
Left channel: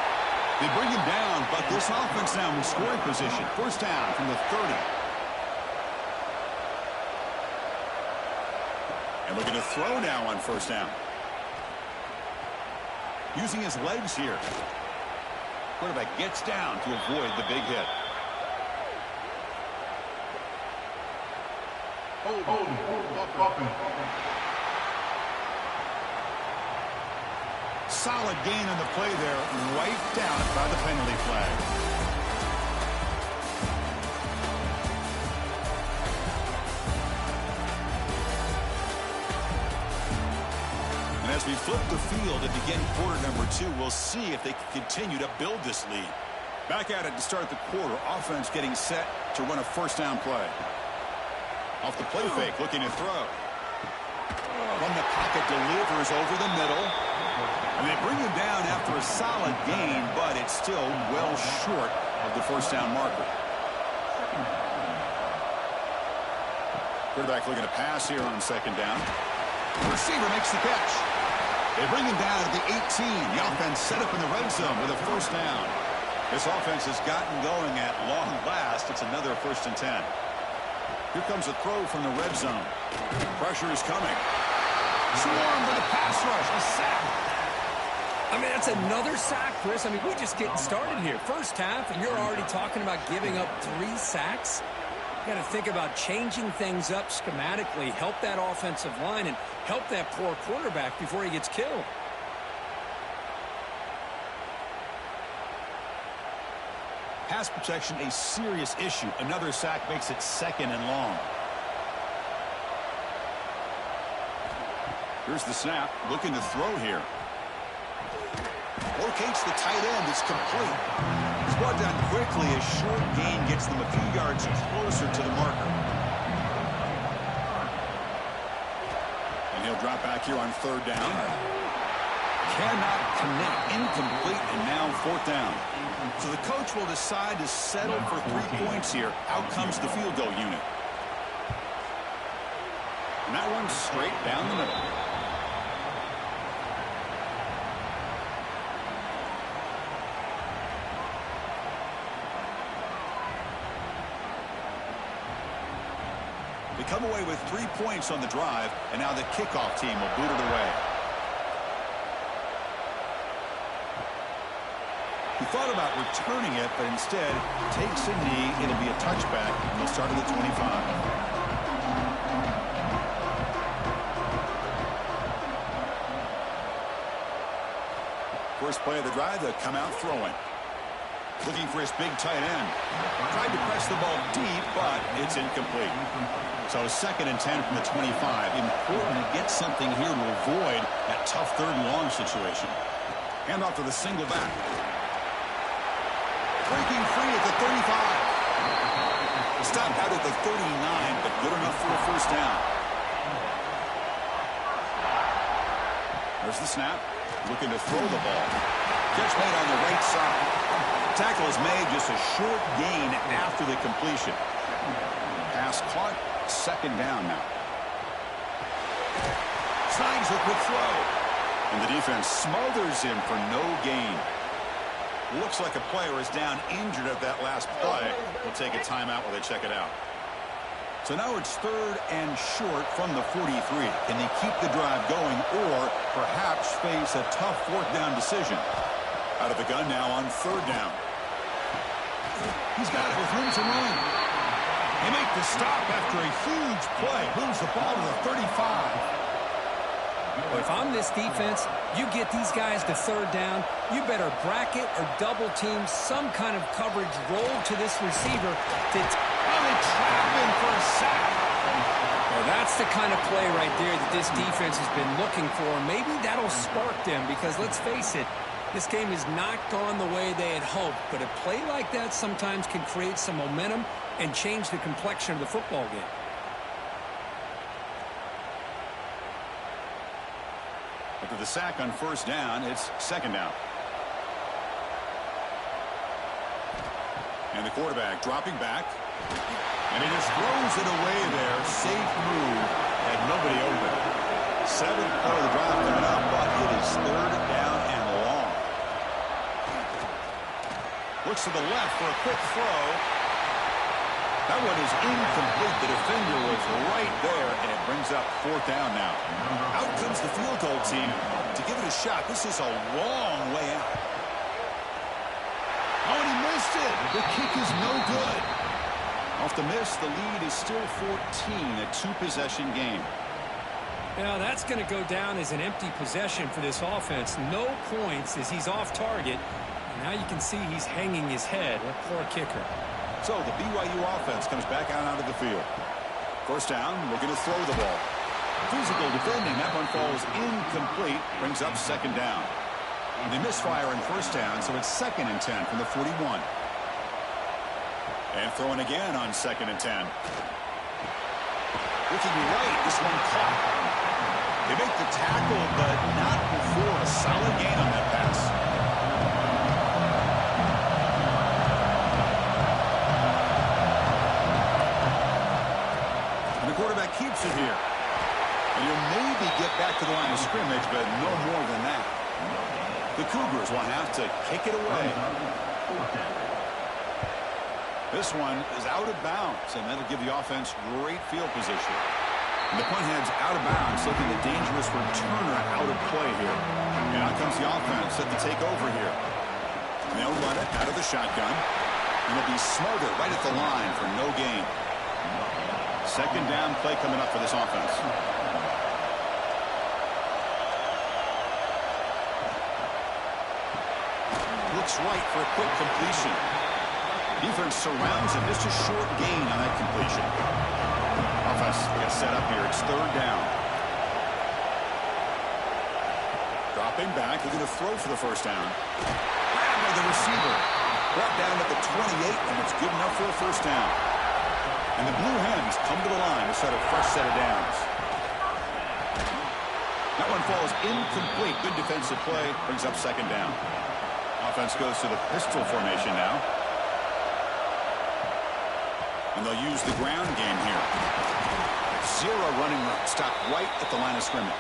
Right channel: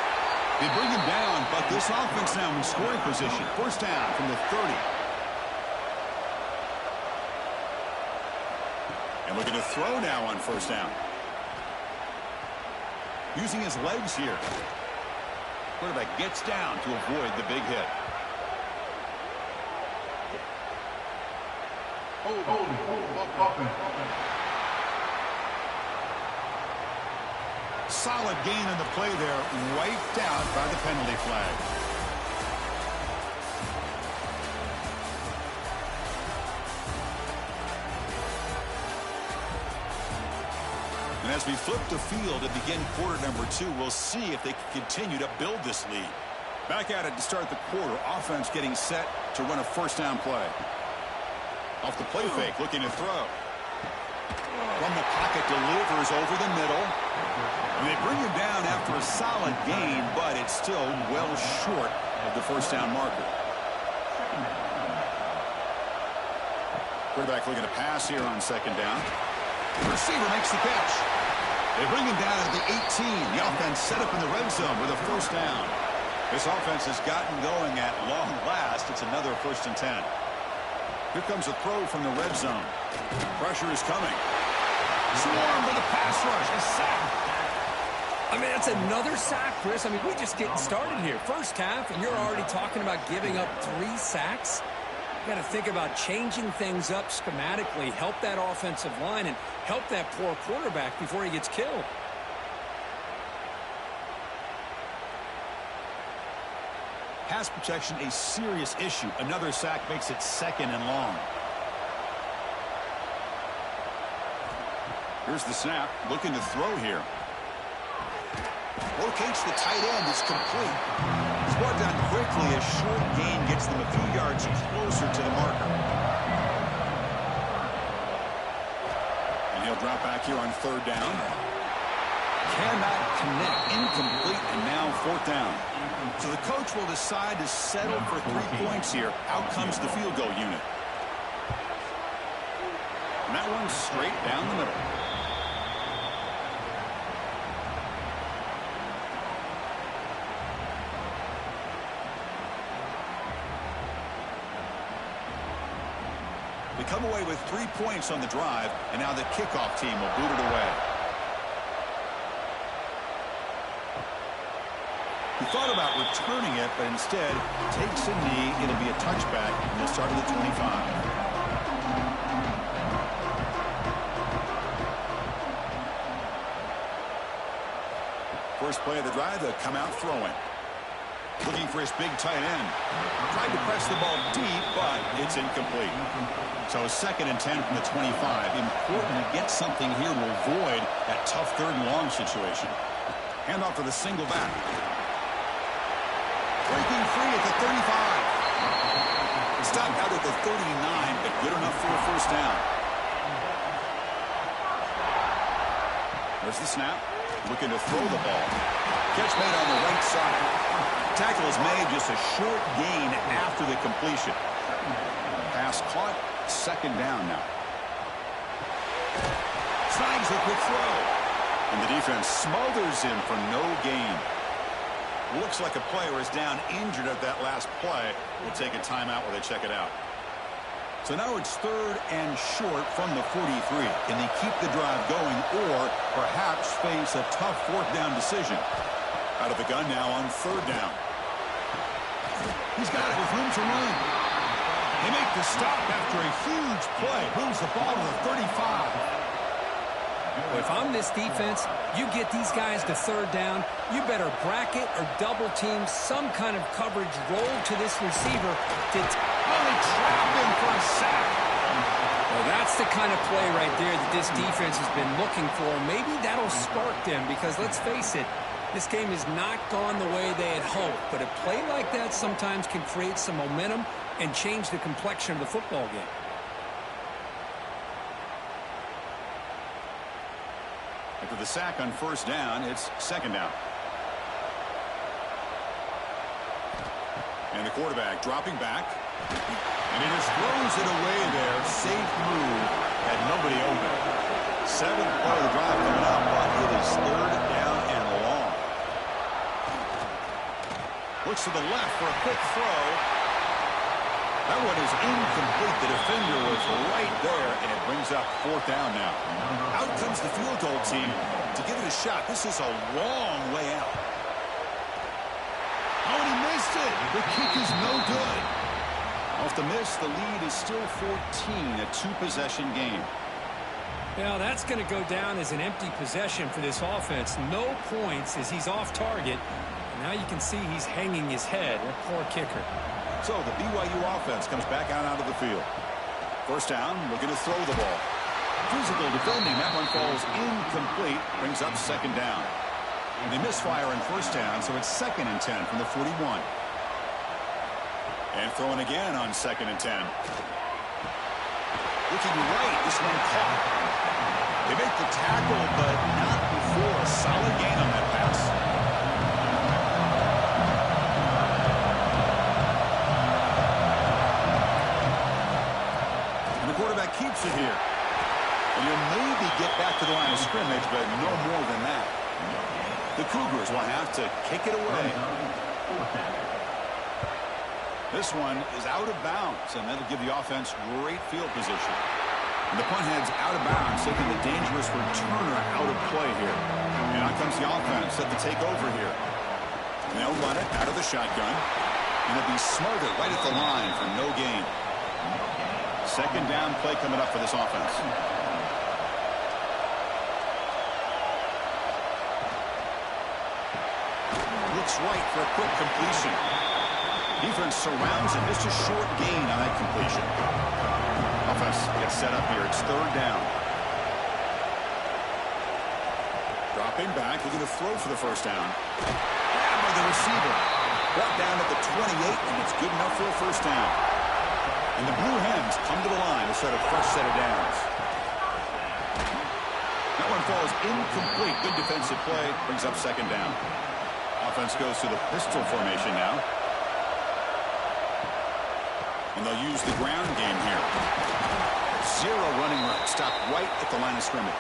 They bring him down, but this offense now in scoring position. 1st down from the 30. And looking to throw now on 1st down. Using his legs here. Quarterback gets down to avoid the big hit. Solid gain on the play there, wiped out by the penalty flag. And as we flip the field and begin quarter number 2, we'll see if they can continue to build this lead. Back at it to start the quarter. Offense getting set to run a 1st down play. Off the play fake, looking to throw. From the pocket, delivers over the middle. And they bring him down after a solid gain, but it's still well short of the 1st down marker. Quarterback looking to pass here on 2nd down. The receiver makes the catch. They bring him down at the 18. The offense set up in the red zone with a 1st down. This offense has gotten going at long last. It's another 1st and 10. Here comes a throw from the red zone. Pressure is coming. Swarm with a pass rush. A sack. I mean, that's another sack, Chris. I mean, we're just getting started here. 1st half, and you're already talking about giving up 3 sacks. You got to think about changing things up schematically, help that offensive line, and help that poor quarterback before he gets killed. Pass protection, a serious issue. Another sack makes it 2nd and long. Here's the snap, looking to throw here. Locates the tight end. It's complete. It's brought down quickly. A short gain gets them a few yards closer to the marker. And he'll drop back here on 3rd down. Cannot connect. Incomplete, and now 4th down. So the coach will decide to settle for 3 points here. Out comes the field goal unit. And that one's straight down the middle. They come away with 3 points on the drive, and now the kickoff team will boot it away. He thought about returning it, but instead takes a knee. It'll be a touchback, and they'll start at the 25. First play of the drive, they'll come out throwing. Looking for his big tight end. Tried to press the ball deep, but it's incomplete. So 2nd and 10 from the 25. Important to get something here to avoid that tough 3rd and long situation. Handoff to the single back. Breaking free at the 35. Stopped out at the 39, but good enough for a 1st down. There's the snap. Looking to throw the ball. Catch made on the right side. Tackle is made, just a short gain after the completion. Pass caught. 2nd down now. Snags the quick throw. And the defense smothers him for no gain. Looks like a player is down injured at that last play. We'll take a timeout while they check it out. So now it's 3rd and short from the 43. Can they keep the drive going or perhaps face a tough 4th down decision? Out of the gun now on 3rd down. He's got it with room to run. They make the stop after a huge play. Moves the ball to the 35. Well, if I'm this defense, you get these guys to 3rd down, you better bracket or double team some kind of coverage roll to this receiver to... Oh, they trap him for a sack. Well, that's the kind of play right there that this defense has been looking for. Maybe that'll spark them because, let's face it, this game has not gone the way they had hoped. But a play like that sometimes can create some momentum and change the complexion of the football game. After the sack on 1st down, it's 2nd down. And the quarterback dropping back. And he just throws it away there. Safe move. Had nobody open. 7th play of the drive coming up, but it is 3rd down and long. Looks to the left for a quick throw. That one is incomplete. The defender was right there, and it brings up 4th down now. Out comes the field goal team to give it a shot. This is a long way out. Oh, and he missed it. The kick is no good. Off the miss, the lead is still 14, a 2-possession game. Now, that's going to go down as an empty possession for this offense. No points as he's off target. And now you can see he's hanging his head. That poor kicker. So the BYU offense comes back out of the field. 1st down, looking to throw the ball. Physical defending. That one falls incomplete. Brings up 2nd down. And they misfire in 1st down, so it's 2nd and 10 from the 41. And throwing again on 2nd and 10. Looking right, this one caught. They make the tackle, but not before a solid gain on that pass. And the quarterback keeps it here. And he'll maybe get back to the line of scrimmage, but no more than that. The Cougars will have to kick it away. This one is out of bounds, and that'll give the offense great field position. And the punt head's out of bounds, taking the dangerous returner out of play here. And out comes the offense set to take over here. And they'll run it out of the shotgun. And it'll be smothered right at the line for no gain. 2nd down play coming up for this offense. Looks right for a quick completion. Defense surrounds him. Just a short gain on that completion. Offense gets set up here. It's 3rd down. Dropping back, looking to throw for the first down. Grabbed by the receiver. Brought down at the 28, and it's good enough for a first down. And the Blue Hens come to the line to start a fresh set of downs. That one falls incomplete. Good defensive play. Brings up second down. Offense goes to the pistol formation now. And they'll use the ground game here. Zero running route. Stopped right at the line of scrimmage.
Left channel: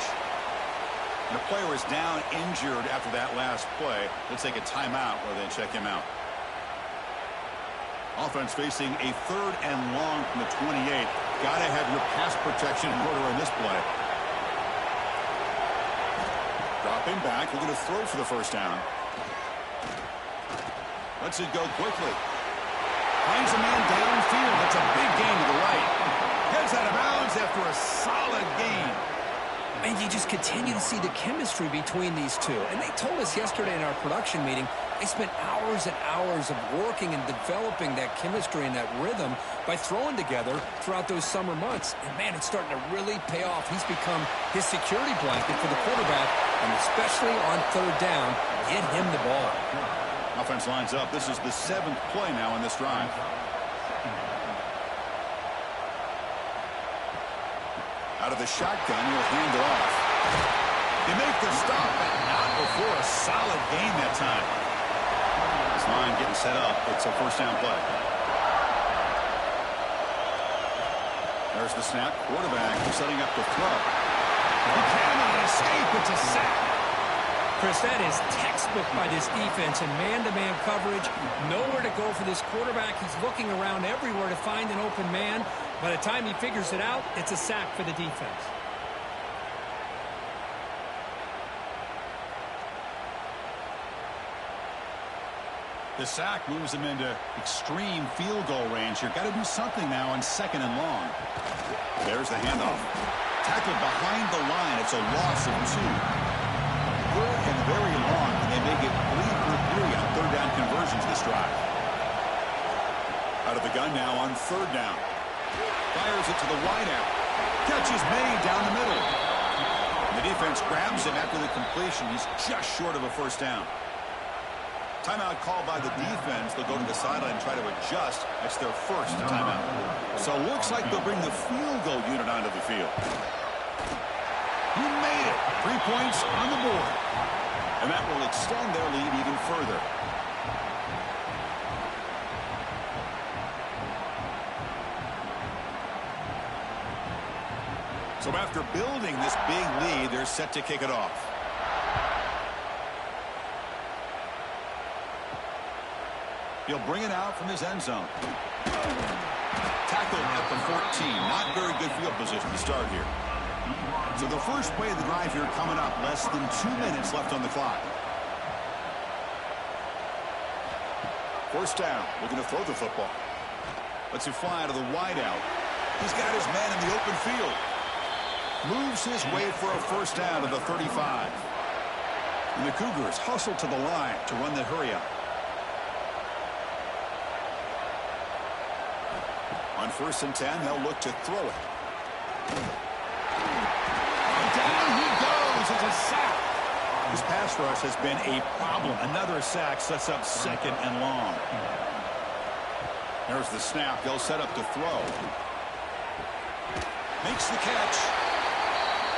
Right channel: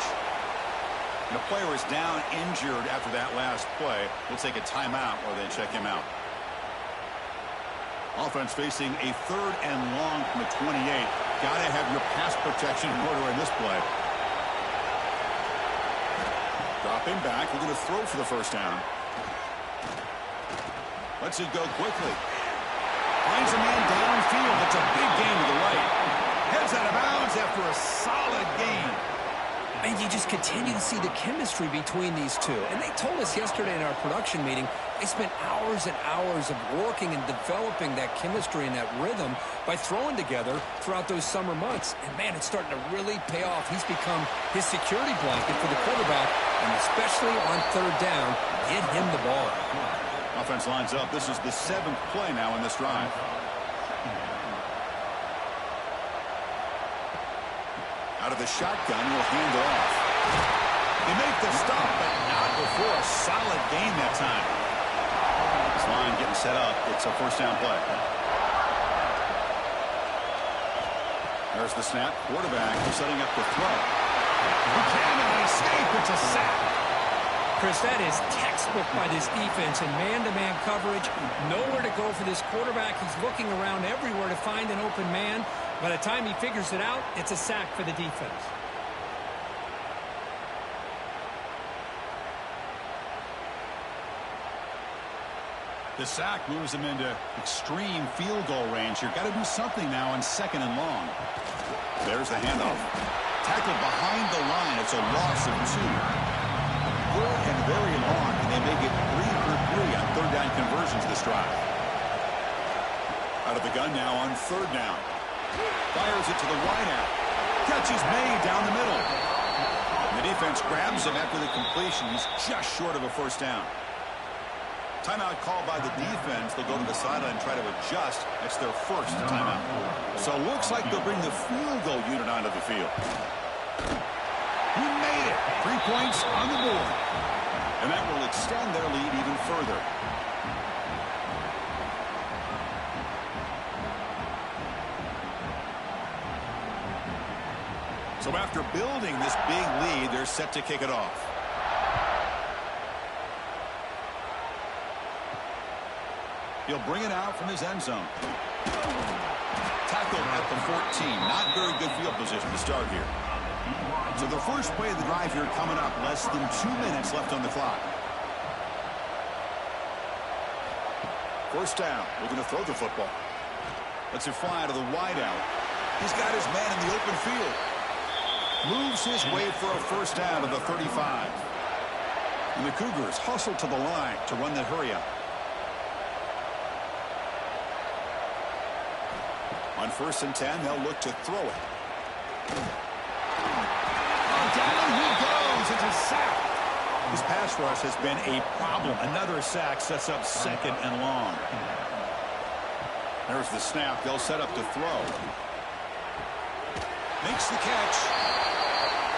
And a player is down injured after that last play. We'll take a timeout or they check him out. Offense facing a 3rd and long from the 28. Got to have your pass protection in order in this play. Dropping back, looking to throw for the first down. Lets it go quickly. Finds a man downfield. That's a big gain to the right. Heads out of bounds after a solid gain. And you just continue to see the chemistry between these two. And they told us yesterday in our production meeting, they spent hours and hours of working and developing that chemistry and that rhythm by throwing together throughout those summer months. And, man, it's starting to really pay off. He's become his security blanket for the quarterback, and especially on 3rd down, get him the ball. Offense lines up. This is the 7th play now in this drive. Out of the shotgun, he'll hand it off. They make the stop, but not before a solid gain that time. This line getting set up. It's a first down play. There's the snap. Quarterback setting up the throw. Buchanan escape. It's a sack. Chris, that is textbook by this defense in man-to-man coverage. Nowhere to go for this quarterback. He's looking around everywhere to find an open man. By the time he figures it out, it's a sack for the defense. The sack moves him into extreme field goal range here. Got to do something now on 2nd and long. There's the handoff. Tackled behind the line. It's a loss of 2. Good and very long, and they make it 3 for 3 on 3rd down conversions this drive. Out of the gun now on 3rd down. Fires it to the wideout. Catch is made down the middle. And the defense grabs him after the completion. He's just short of a first down. Timeout called by the defense. They'll go to the sideline and try to adjust. That's their first timeout. So it looks like they'll bring the field goal unit onto the field. He made it. 3 points on the board. And that will extend their lead even further. So after building this big lead, they're set to kick it off. He'll bring it out from his end zone. Tackled at the 14. Not very good field position to start here. So the first play of the drive here coming up. Less than 2 minutes left on the clock. First down. Looking to throw the football. Lets it fly to the wideout. He's got his man in the open field. Moves his way for a first down to the 35. And the Cougars hustle to the line to run the hurry-up. On 1st and 10, they'll look to throw it. Down he goes. It's a sack. His pass rush has been a problem. Another sack sets up 2nd and long. There's the snap. They'll set up to throw. Makes the catch.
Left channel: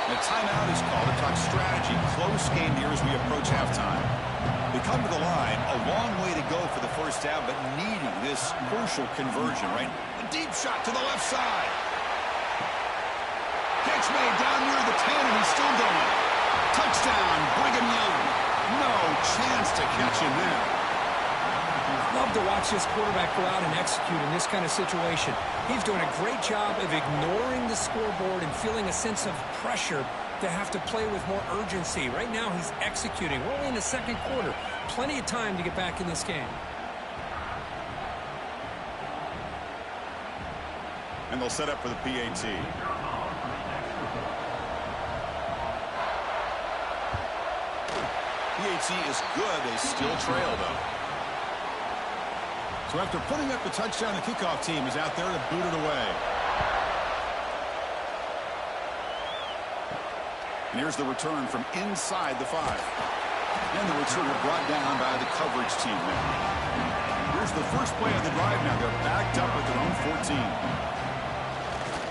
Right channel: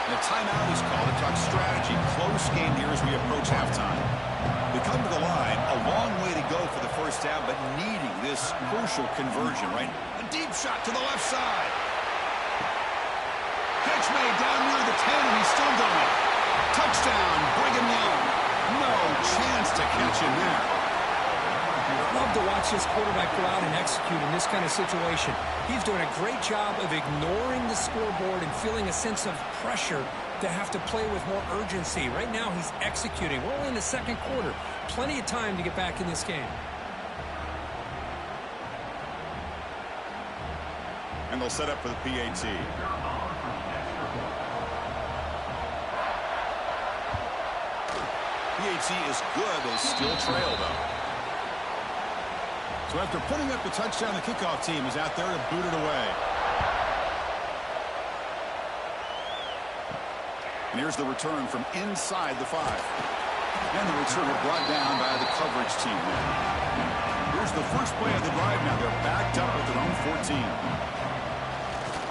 And a timeout is called to talk strategy. Close game here as we approach halftime. They come to the line. A long way to go for the first down, but needing this crucial conversion, right? A deep shot to the left side. Catch made down near the 10, and he's still going. Touchdown, Brigham Young. No chance to catch him there. Love to watch this quarterback go out and execute in this kind of situation. He's doing a great job of ignoring the scoreboard and feeling a sense of pressure to have to play with more urgency. Right now, he's executing. We're only in the 2nd quarter. Plenty of time to get back in this game. And they'll set up for the PAT. PAT is good. They still trail, though. So after putting up the touchdown, the kickoff team is out there to boot it away. And here's the return from inside the 5. And the returner brought down by the coverage team there. Here's the first play of the drive now. They're backed up at their own 14.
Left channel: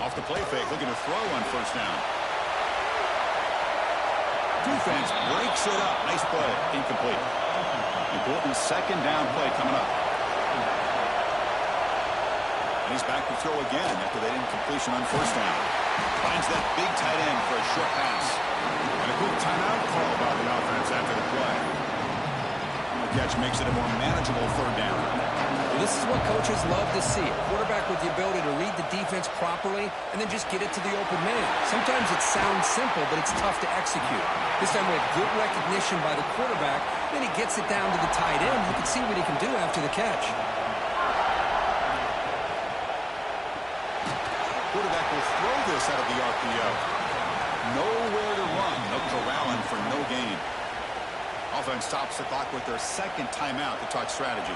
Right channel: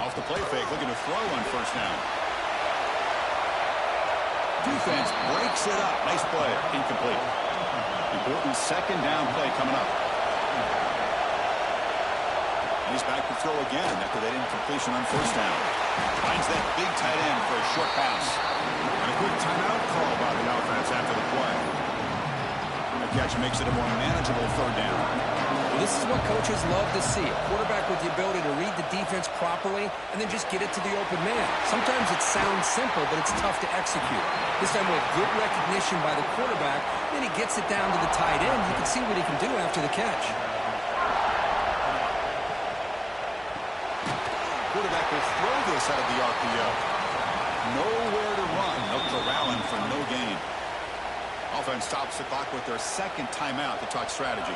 Off the play fake, looking to throw on first down. Defense breaks it up. Nice play. Incomplete. Important second down play coming up. And he's back to throw again after that incompletion on first down. Finds that big tight end for a short pass. And a quick timeout call by the offense after the play. The catch makes it a more manageable third down. Well, this is what coaches love to see. A quarterback with the ability to read the defense properly and then just get it to the open man. Sometimes it sounds simple, but it's tough to execute. This time with good recognition by the quarterback, then he gets it down to the tight end. You can see what he can do after the catch. Quarterback will throw this out of the RPO. Nowhere to run. No corralling for no gain. Offense stops the clock with their second timeout to talk strategy.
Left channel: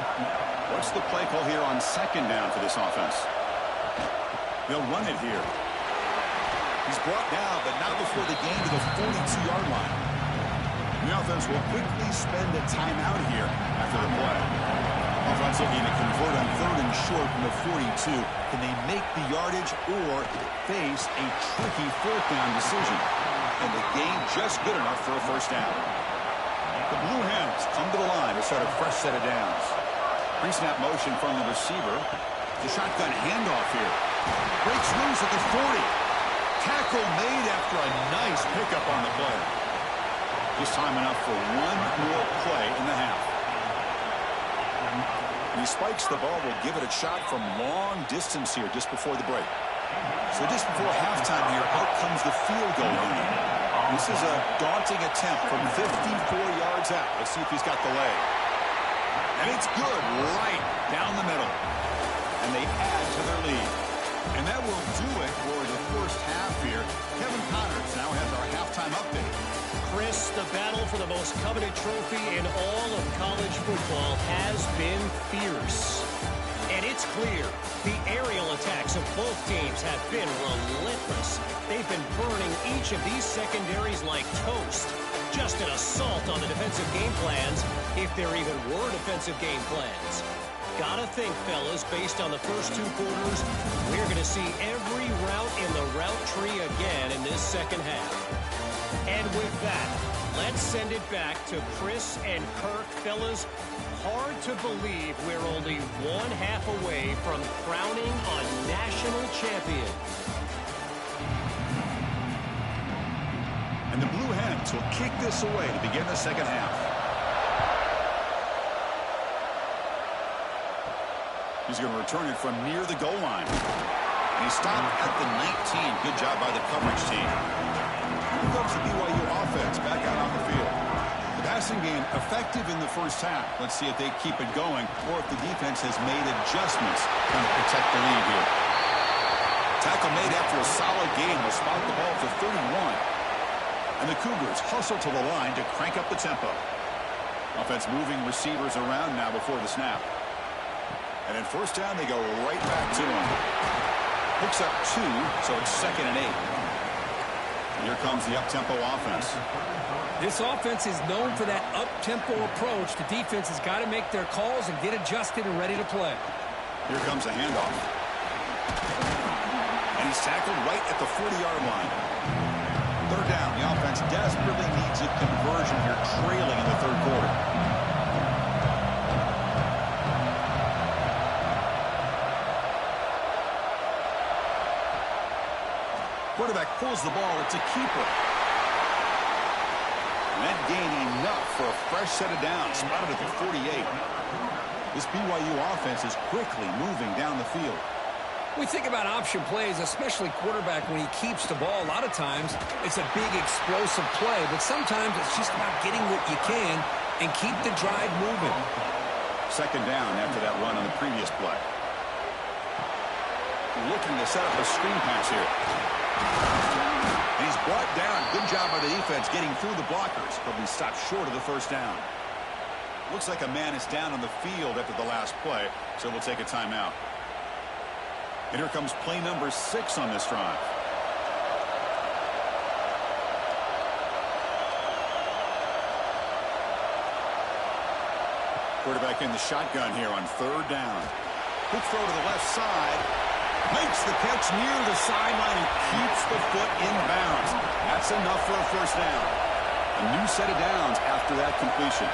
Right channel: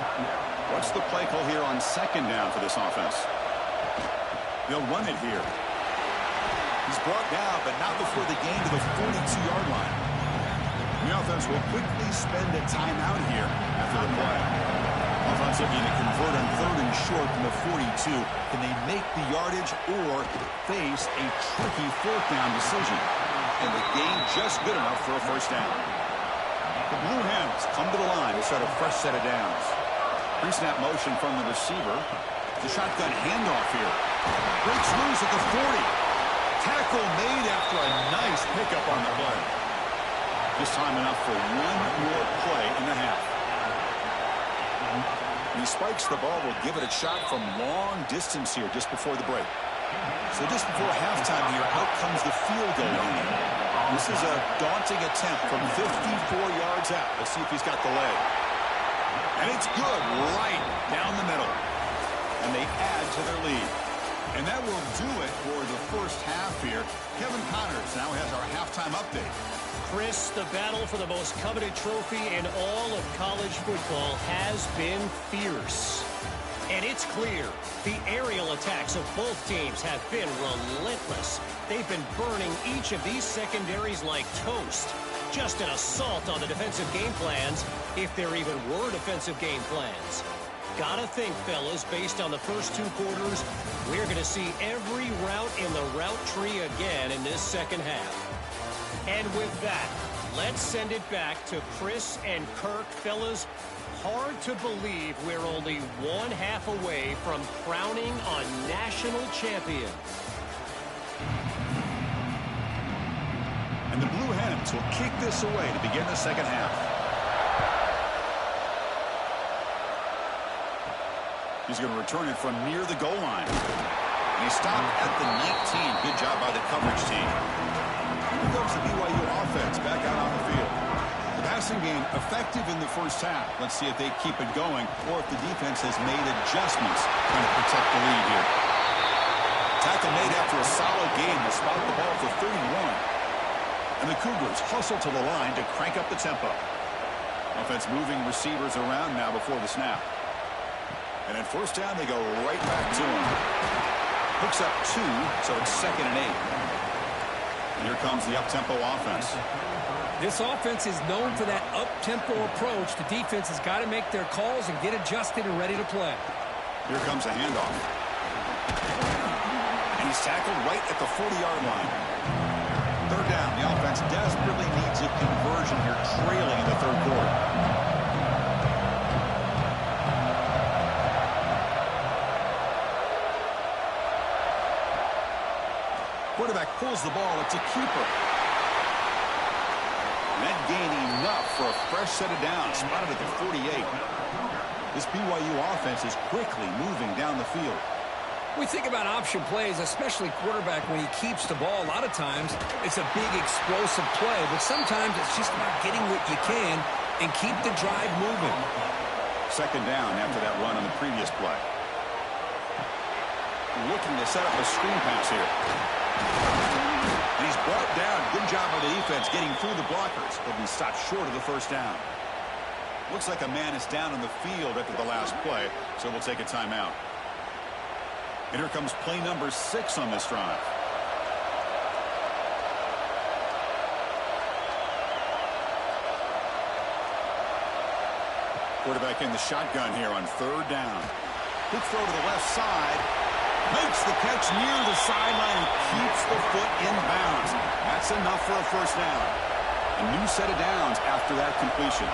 What's the play call here on second down for this offense? They'll run it here. He's brought down, but not before the gain to the 42-yard line. The offense will quickly spend a timeout here after the play. Offense looking to convert on third and short from the 42. Can they make the yardage or face a tricky fourth down decision? And the gain just good enough for a first down. The Blue Hens come to the line to start a fresh set of downs. Pre-snap motion from the receiver. The shotgun handoff here. Breaks loose at the 40. Tackle made after a nice pickup on the play. Just time enough for one more play in the half. He spikes the ball. Will give it a shot from long distance here just before the break. So just before halftime here, out comes the field goal unit. This is a daunting attempt from 54 yards out. Let's see if he's got the leg. And it's good right down the middle. And they add to their lead. And that will do it for the first half here. Kevin Connors now has our halftime update. Chris, the battle for the most coveted trophy in all of college football has been fierce. And it's clear the aerial attacks of both teams have been relentless. They've been burning each of these secondaries like toast. Just an assault on the defensive game plans, if there even were defensive game plans. Gotta think, fellas, based on the first two quarters, we're going to see every route in the route tree again in this second half. And with that, let's send it back to Chris and Kirk. Fellas, hard to believe we're only one half away from crowning a national champion. And the Blue Hens will kick this away to begin the second half. He's going to return it from near the goal line. And he stopped at the 19. Good job by the coverage team. Here comes the BYU offense back out on the field. The passing game effective in the first half. Let's see if they keep it going or if the defense has made adjustments trying to protect the lead here. Tackle made after a solid gain. They'll spot the ball for 31. And the Cougars hustle to the line to crank up the tempo. Offense moving receivers around now before the snap. And in first down, they go right back to him. Hooks up 2, so it's 2nd and 8. And here comes the up-tempo offense. This offense is known for that up-tempo approach. The defense has got to make their calls and get adjusted and ready to play. Here comes a handoff. And he's tackled right at the 40-yard line. Third down. The offense desperately needs a conversion here, trailing in the third quarter. Quarterback pulls the ball. It's a keeper. And that gain enough for a fresh set of downs. Spotted at the 48. This BYU offense is quickly moving down the field. We think about option plays, especially quarterback when he keeps the ball. A lot of times it's a big explosive play, but sometimes it's just about getting what you can and keep the drive moving. Second down after that run on the previous play. Looking to set up a screen pass here. And he's brought down. Good job by the defense getting through the blockers. He'll be stopped short of the first down. Looks like a man is down on the field after the last play, so we'll take a timeout. And here comes play number 6 on this drive. Quarterback in the shotgun here on 3rd down. Quick throw to the left side. Makes the catch near the sideline and keeps the foot in bounds. That's enough for a 1st down. A new set of downs after that completion.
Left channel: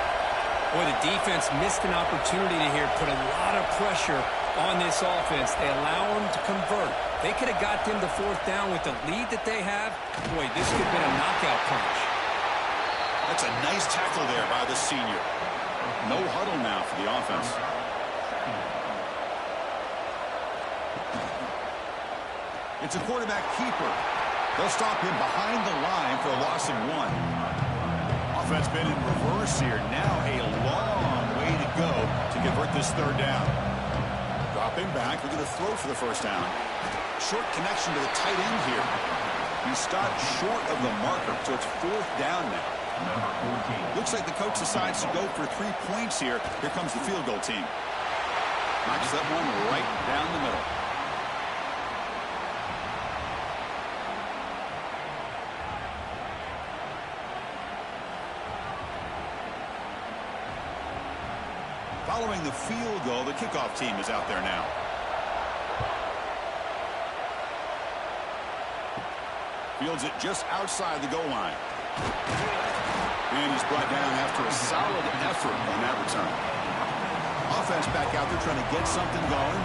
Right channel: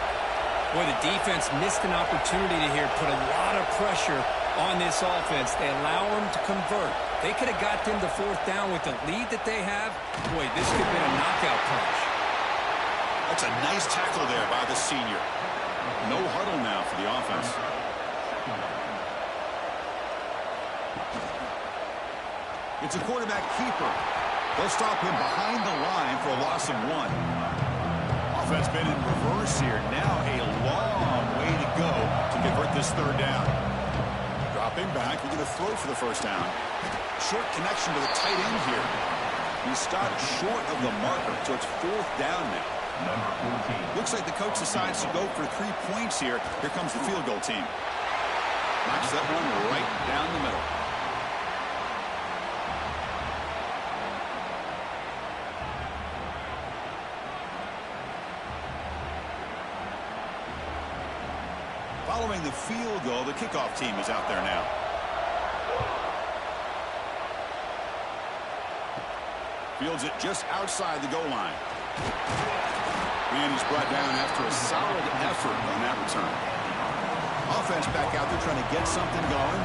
Boy, the defense missed an opportunity to here put a lot of pressure on this offense. They allow them to convert. They could have got them to 4th down with the lead that they have. Boy, this could have been a knockout punch. That's a nice tackle there by the senior. No huddle now for the offense. It's a quarterback keeper. They'll stop him behind the line for a loss of 1. Offense been in reverse here. Now a long way to go to convert this 3rd down. Dropping back. We're going to throw for the 1st down. Short connection to the tight end here. He stopped short of the marker, so it's 4th down now. Number 14. Looks like the coach decides to go for 3 points here. Here comes the field goal team. Knocks that one right down the middle. Following the field goal, the kickoff team is out there now. Fields it just outside the goal line. And he's brought down after a solid effort on that return. Offense back out there trying to get something going.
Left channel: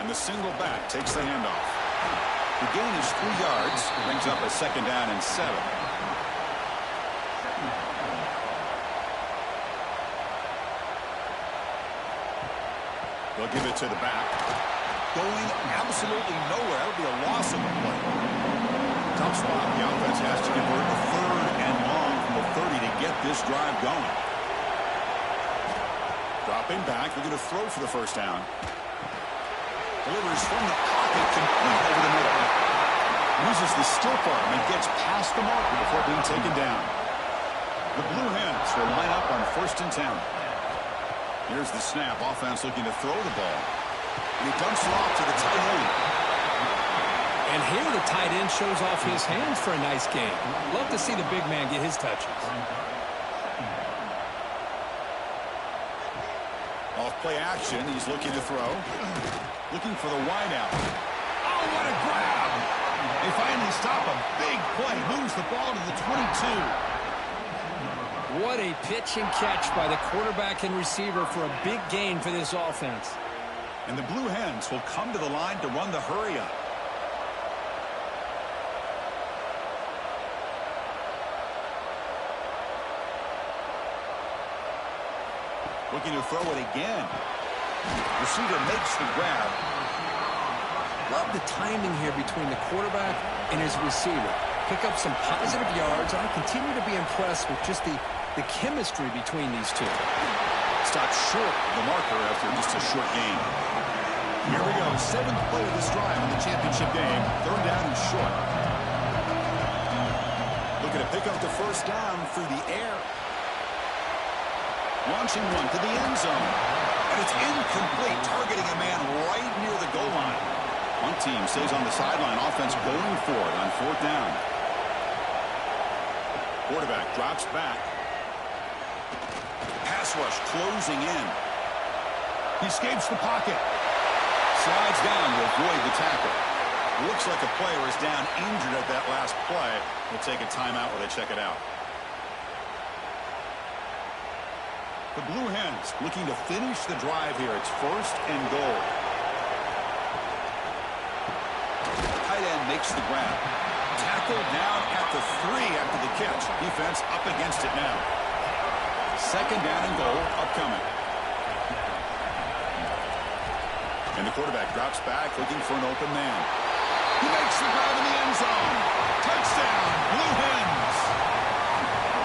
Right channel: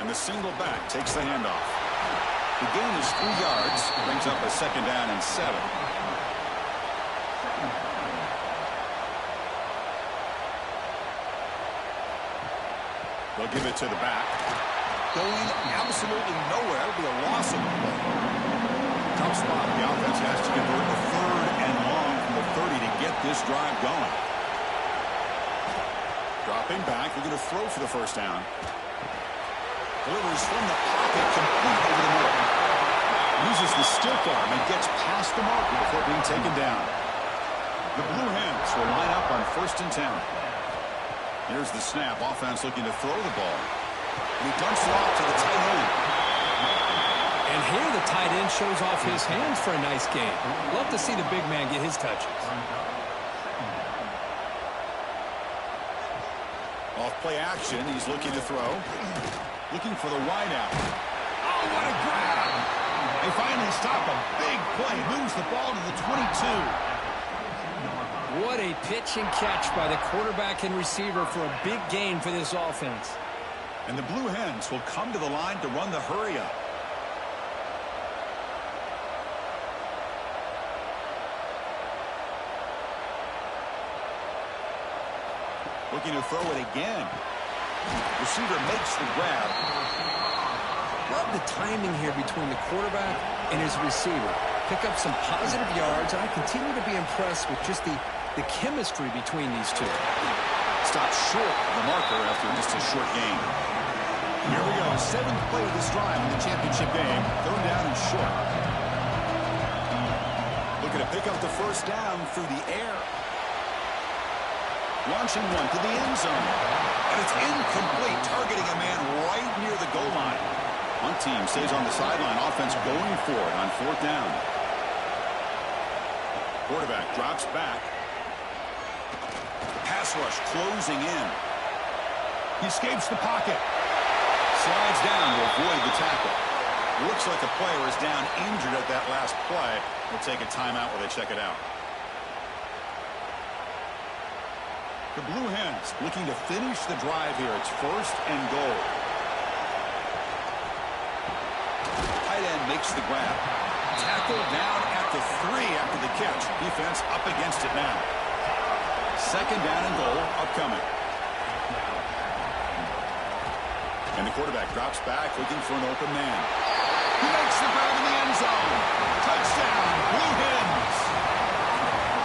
And the single back takes the handoff. The gain is 3 yards. Brings up a 2nd down and 7. They'll give it to the back. Going absolutely nowhere. That'll be a loss of the play. Tough spot. The offense has to convert a 3rd and long from the 30 to get this drive going. Dropping back. We're going to throw for the 1st down. Delivers from the pocket, complete over the middle. Uses the stiff arm and gets past the marker before being taken down. The Blue Hens will line up on 1st and 10. Here's the snap. Offense looking to throw the ball. And he dumps it off to the tight end. And here the tight end shows off his hands for a nice game. Love to see the big man get his touches. Off play action. He's looking to throw. Looking for the wideout. Oh, what a grab. They finally stop a big play. Moves the ball to the 22. What a pitch and catch by the quarterback and receiver for a big gain for this offense. And the Blue Hens will come to the line to run the hurry up. Looking to throw it again. Receiver makes the grab. Love the timing here between the quarterback and his receiver. Pick up some positive yards, and I continue to be impressed with just the chemistry between these two. Stopped short of the marker after just a short gain. Here we go. 7th play of this drive in the championship game. 3rd down and short. Looking to pick up the 1st down through the air. Launching one to the end zone. And it's incomplete, targeting a man right near the goal line. One team stays on the sideline. Offense going for it on 4th down. Quarterback drops back. Pass rush closing in. He escapes the pocket. Slides down to avoid the tackle. Looks like a player is down injured at that last play. We'll take a timeout while they check it out. The Blue Hens looking to finish the drive here. It's 1st and goal. Tight end makes the grab. Tackled down at the 3 after the catch. Defense up against it now. 2nd down and goal upcoming. And the quarterback drops back looking for an open man. He makes the grab in the end zone. Touchdown, Blue Hens.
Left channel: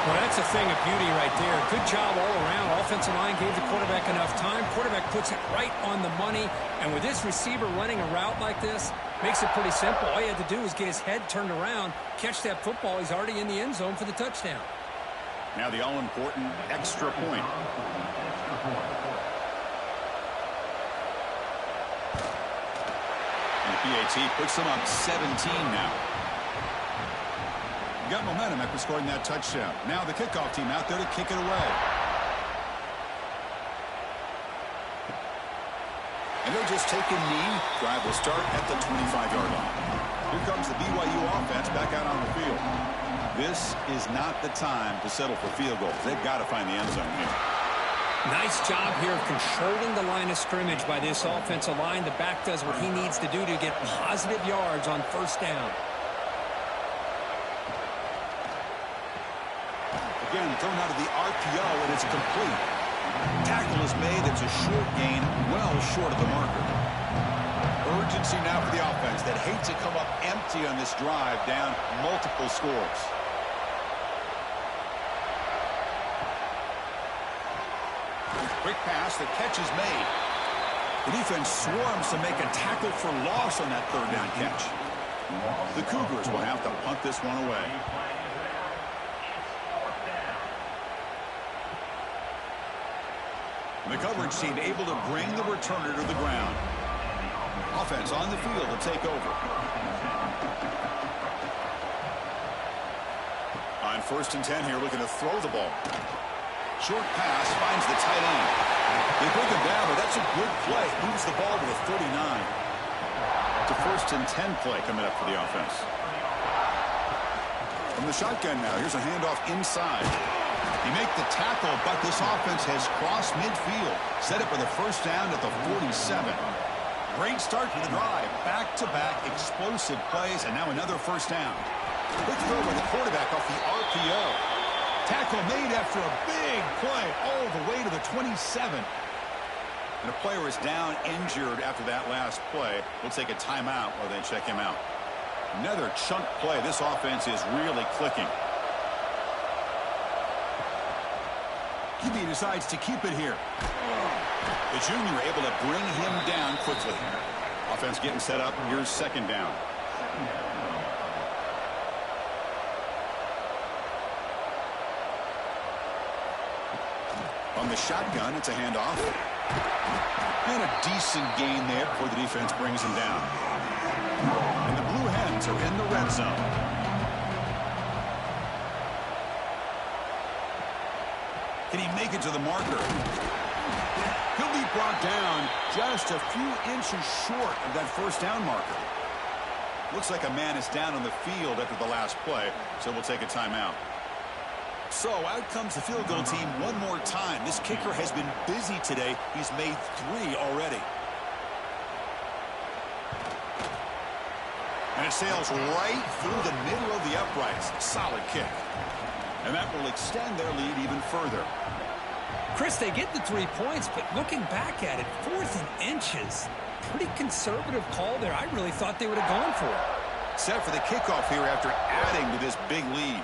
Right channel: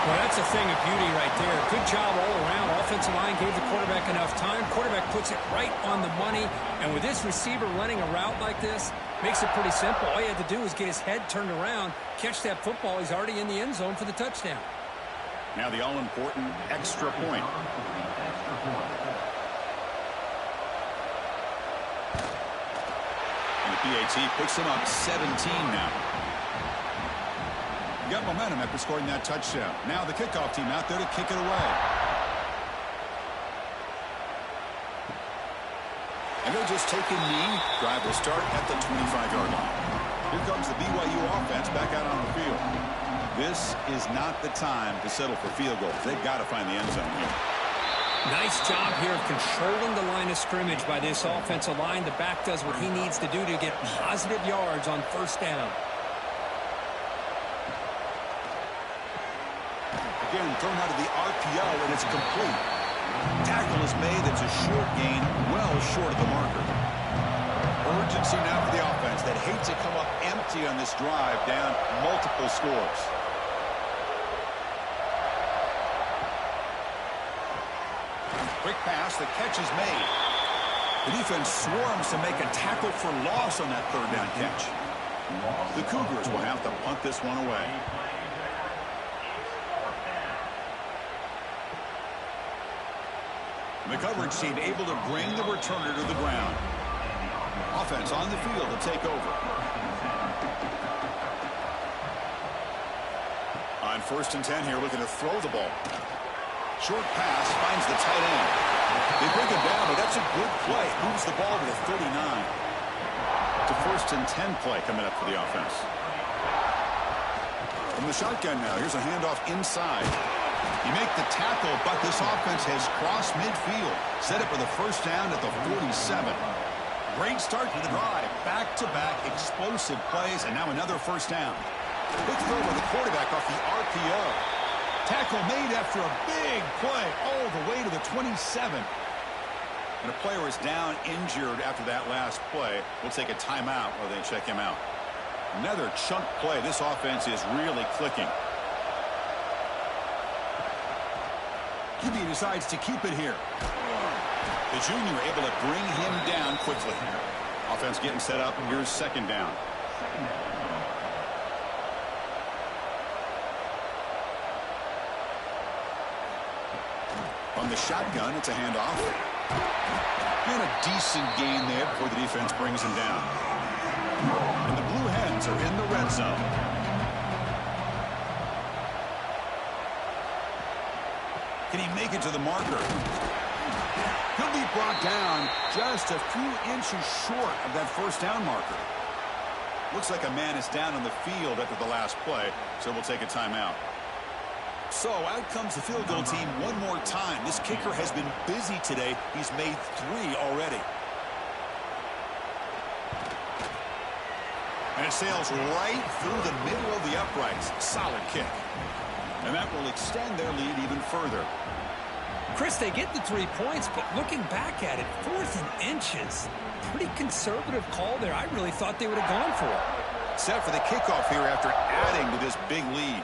Well, that's a thing of beauty right there. Good job all around. Offensive line gave the quarterback enough time. Quarterback puts it right on the money. And with this receiver running a route like this, makes it pretty simple. All you had to do was get his head turned around, catch that football. He's already in the end zone for the touchdown. Now the all-important extra point. And the PAT puts them up 17 now. Got momentum after scoring that touchdown. Now the kickoff team out there to kick it away. And they'll just take a knee. Drive will start at the 25-yard line. Here comes the BYU offense back out on the field. This is not the time to settle for field goals. They've got to find the end zone here. Nice job here of controlling the line of scrimmage by this offensive line. The back does what he needs to do to get positive yards on first down. Again, thrown out of the RPO, and it's complete. Tackle is made. It's a short gain, well short of the marker. Urgency now for the offense that hates to come up empty on this drive, down multiple scores. Quick pass, the catch is made. The defense swarms to make a tackle for loss on that third down catch. The Cougars will have to punt this one away. The coverage team able to bring the returner to the ground. Offense on the field to take over. On 1st and 10 here, looking to throw the ball. Short pass finds the tight end. They bring him down, but that's a good play. Moves the ball to the 39. It's a 1st and 10 play coming up for the offense. From the shotgun now, here's a handoff inside. He make the tackle, but this offense has crossed midfield. Set up for the first down at the 47. Great start to the drive. Back-to-back explosive plays, and now another first down. Quick throw by the quarterback off the RPO. Tackle made after a big play all the way to the 27. And a player is down injured after that last play. We'll take a timeout while they check him out. Another chunk play. This offense is really clicking. QB decides to keep it here. The junior able to bring him down quickly. Offense getting set up. Here's 2nd down. On the shotgun, it's a handoff. And a decent gain there before the defense brings him down. And the Blue Hens are in the red zone. Can he make it to the marker? He'll be brought down just a few inches short of that first down marker. Looks like a man is down on the field after the last play, so we'll take a timeout. So out comes the field goal team one more time. This kicker has been busy today. He's made 3 already. And it sails right through the middle of the uprights. Solid kick. And that will extend their lead even further. Chris, they get the 3 points, but looking back at it, 4th and inches. Pretty conservative call there. I really thought they would have gone for it. Set for the kickoff here after adding to this big lead.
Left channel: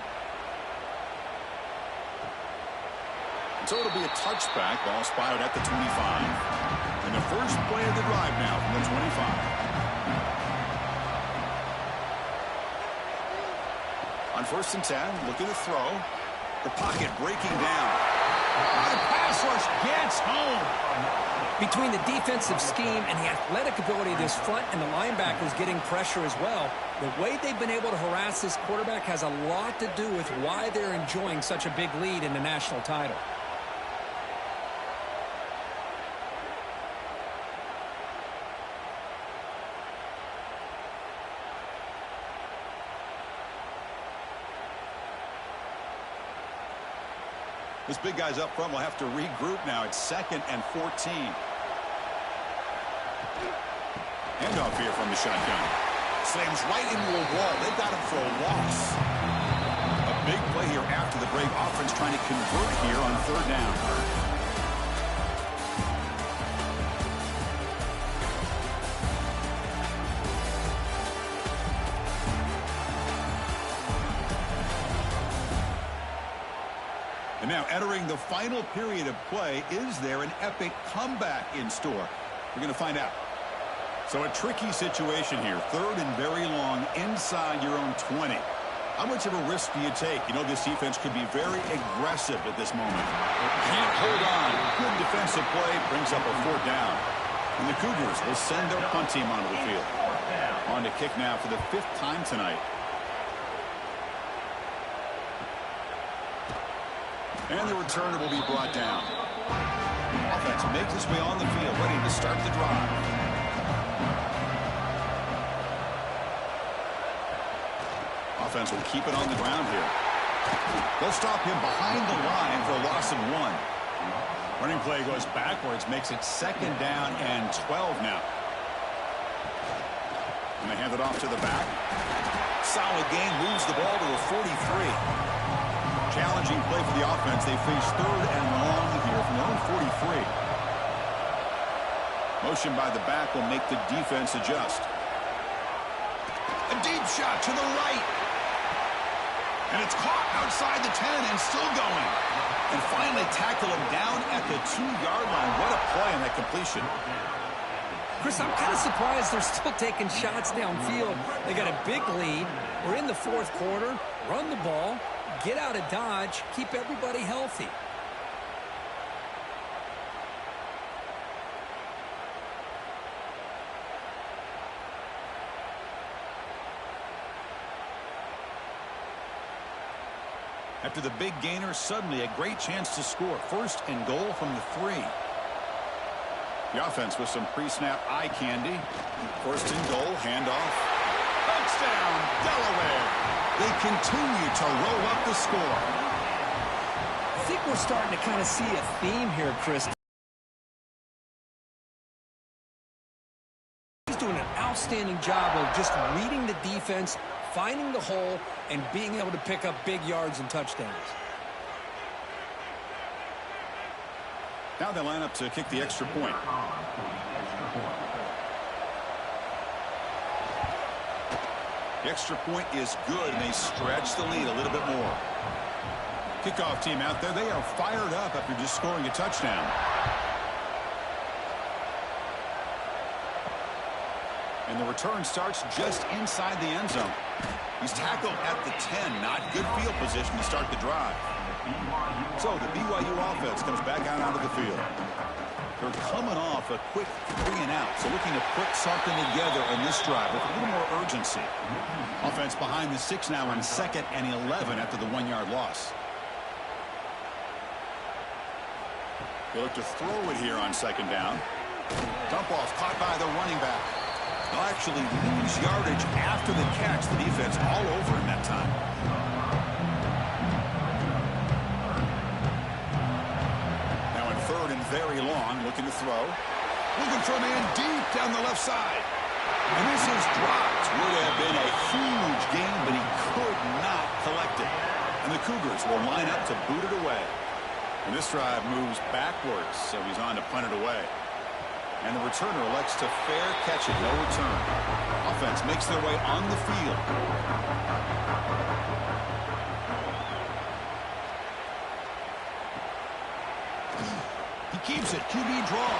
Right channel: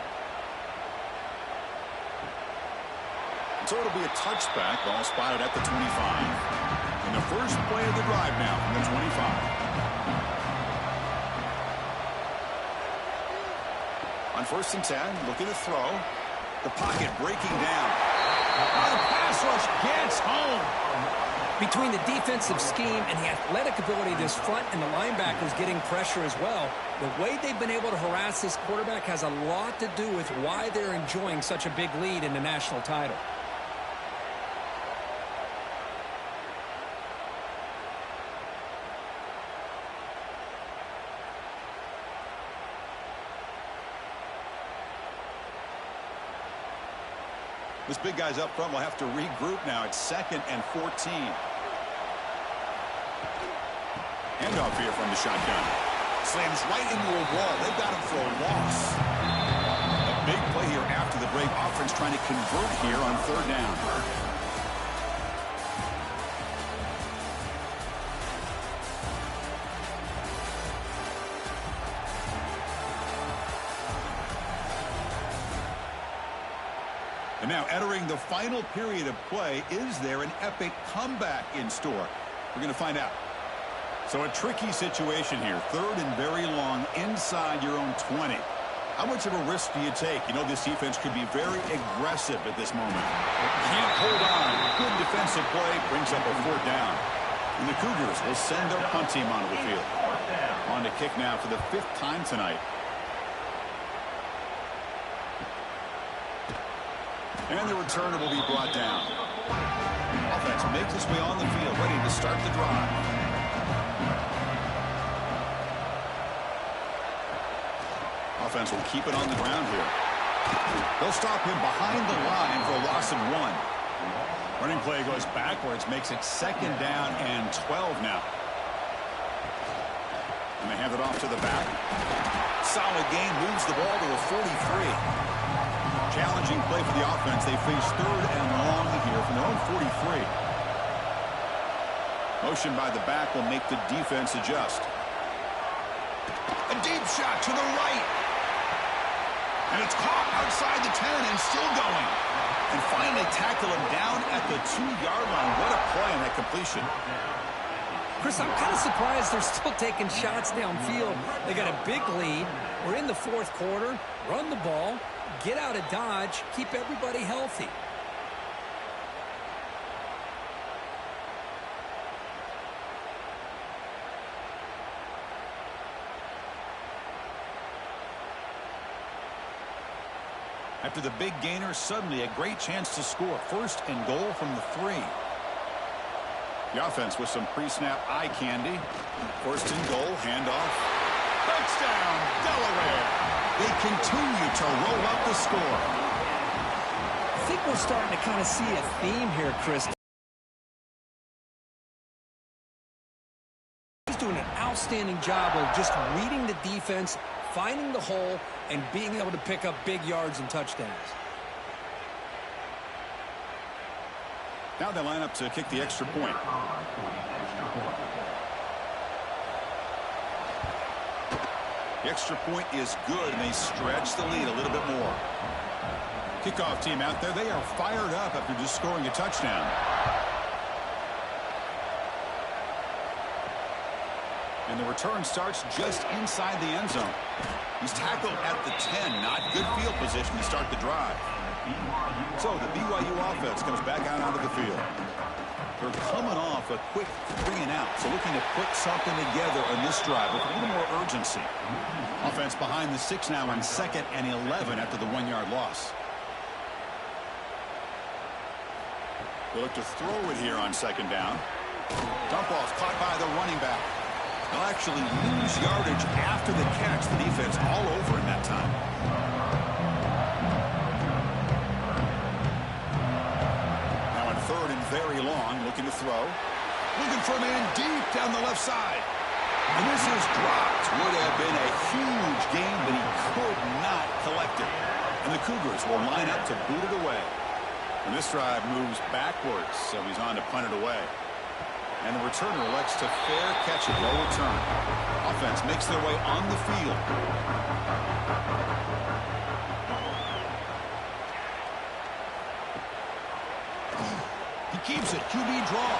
So it'll be a touchback. Ball spotted at the 25. And the first play of the drive now from the 25. On 1st and 10, looking to throw. The pocket breaking down. The pass rush gets home. Between the defensive scheme and the athletic ability of this front and the linebackers getting pressure as well, the way they've been able to harass this quarterback has a lot to do with why they're enjoying such a big lead in the national title. This big guy's up front will have to regroup now. It's 2nd and 14. Handoff here from the shotgun. Slams right into a wall. They've got him for a loss. A big play here after the break. Offense trying to convert here on 3rd down. And now entering the final period of play, is there an epic comeback in store? We're going to find out. So a tricky situation here. 3rd and very long inside your own 20. How much of a risk do you take? You know, this defense could be very aggressive at this moment. Can't hold on. Good defensive play brings up a 4th down. And the Cougars will send their punt team onto the field. On to kick now for the 5th time tonight. And the returner will be brought down. Offense makes its way on the field, ready to start the drive. Offense will keep it on the ground here. They'll stop him behind the line for a loss of 1. Running play goes backwards, makes it 2nd down and 12 now. And they hand it off to the back. Solid gain, moves the ball to a 43. Challenging play for the offense. They face 3rd and long here from their own 43. Motion by the back will make the defense adjust. A deep shot to the right. And it's caught outside the 10 and still going. And finally tackle him down at the 2-yard line. What a play on that completion. Chris, I'm kind of surprised they're still taking shots downfield. They got a big lead. We're in the 4th quarter. Run the ball. Get out of Dodge. Keep everybody healthy. After the big gainer, suddenly a great chance to score. 1st and goal from the 3. The offense with some pre-snap eye candy. 1st and goal, handoff. Touchdown, Delaware. They continue to roll up the score. I think we're starting to kind of see a theme here, Chris. He's doing an outstanding job of just reading the defense, finding the hole, and being able to pick up big yards and touchdowns. Now they line up to kick the extra point. The extra point is good, and they stretch the lead a little bit more. Kickoff team out there, they are fired up after just scoring a touchdown. And the return starts just inside the end zone. He's tackled at the 10. Not good field position to start the drive. So the BYU offense comes back out onto the field. They're coming off a quick 3-and-out. So looking to put something together on this drive with a little more urgency. Offense behind the 6 now on 2nd and 11 after the 1-yard loss. They look to throw it here on 2nd down. Dump off caught by the running back. They'll actually lose yardage after the catch. The defense all over him that time. Now in 3rd and very long, looking to throw. Looking for a man deep down the left side. And this is dropped. Would have been a huge gain, but he could not collect it. And the Cougars will line up to boot it away. And this drive moves backwards, so he's on to punt it away. And the returner elects to fair catch it. No return. Offense makes their way on the field. He keeps it. QB draw.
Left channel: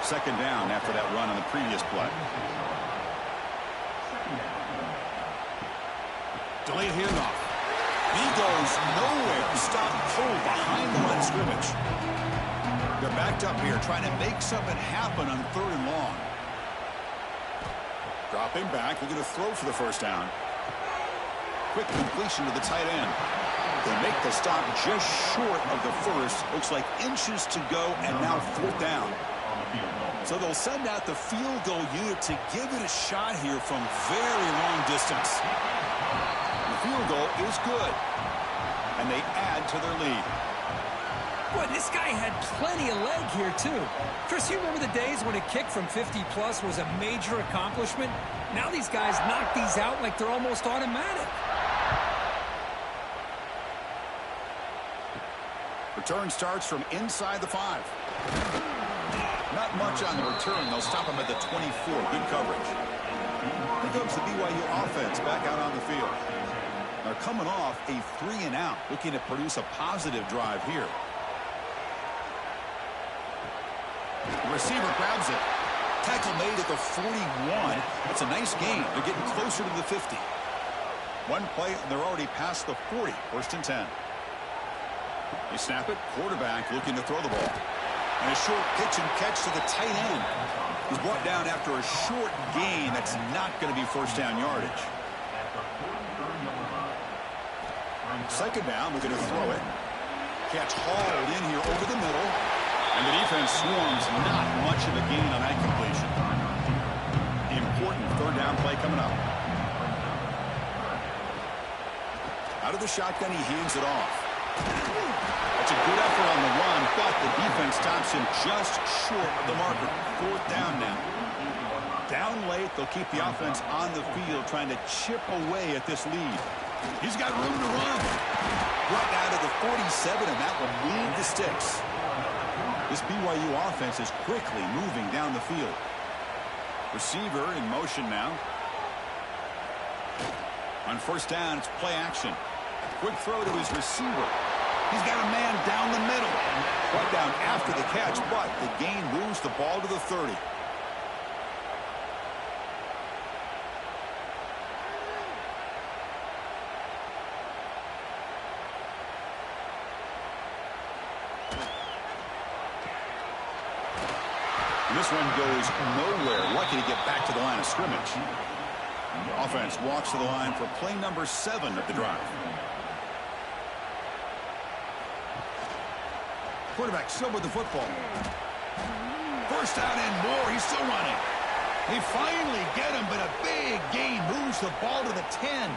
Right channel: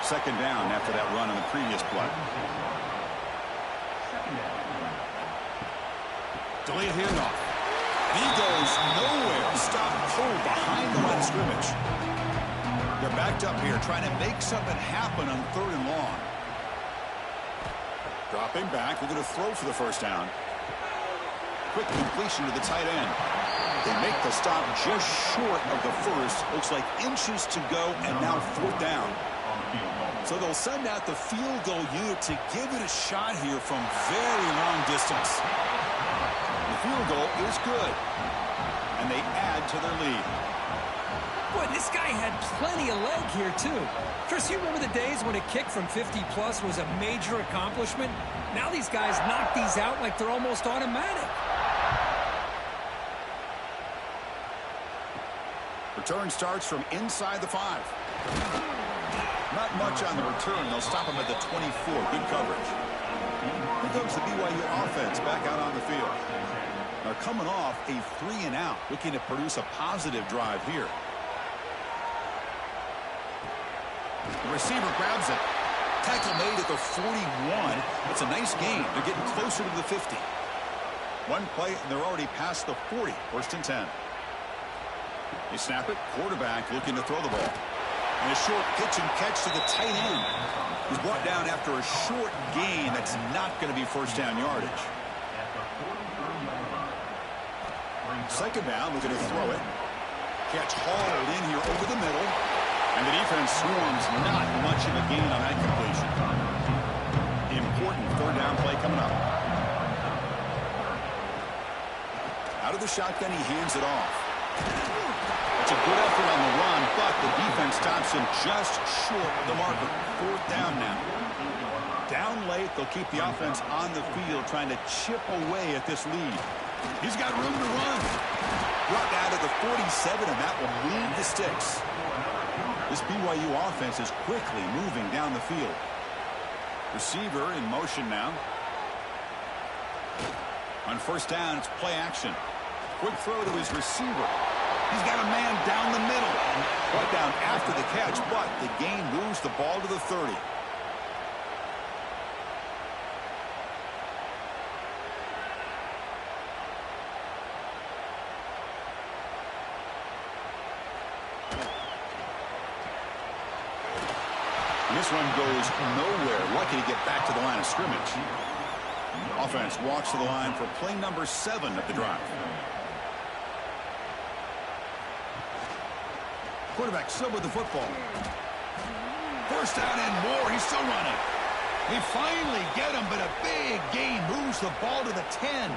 2nd down after that run on the previous play. Delayed handoff. And he goes nowhere. Stopped cold behind the line of scrimmage. They're backed up here trying to make something happen on 3rd and long. Dropping back. We're going to throw for the 1st down. Quick completion to the tight end. They make the stop just short of the 1st. Looks like inches to go, and now 4th down. So they'll send out the field goal unit to give it a shot here from very long distance. The field goal is good. And they add to their lead. Boy, this guy had plenty of leg here, too. Chris, you remember the days when a kick from 50-plus was a major accomplishment? Now these guys knock these out like they're almost automatic. Return starts from inside the 5. Not much on the return. They'll stop him at the 24. Good coverage. Here comes the BYU offense back out on the field. They're coming off a 3-and-out, looking to produce a positive drive here. The receiver grabs it. Tackle made at the 41. That's a nice gain. They're getting closer to the 50. One play, and they're already past the 40. 1st and 10. They snap it. Quarterback looking to throw the ball. And a short pitch and catch to the tight end. He's brought down after a short gain. That's not going to be 1st down yardage. Second down, looking to throw it. Catch hauled in here over the middle. And the defense swarms. Not much of a gain on that completion. Important third down play coming up. Out of the shotgun, he hands it off. That's a good effort on the run, but the defense stops him just short of the marker. Fourth down now. Down late, they'll keep the offense on the field trying to chip away at this lead. He's got room to run. Brought down to the 47, and that will move the sticks. This BYU offense is quickly moving down the field. Receiver in motion now. On first down, it's play action. Quick throw to his receiver. He's got a man down the middle. Brought down after the catch, but the gain moves the ball to the 30. And this one goes nowhere. Lucky to get back to the line of scrimmage. Offense walks to the line for play number 7 of the drive. Quarterback still with the football. First down and more. He's still running. They finally get him, but a big gain moves the ball to the 10.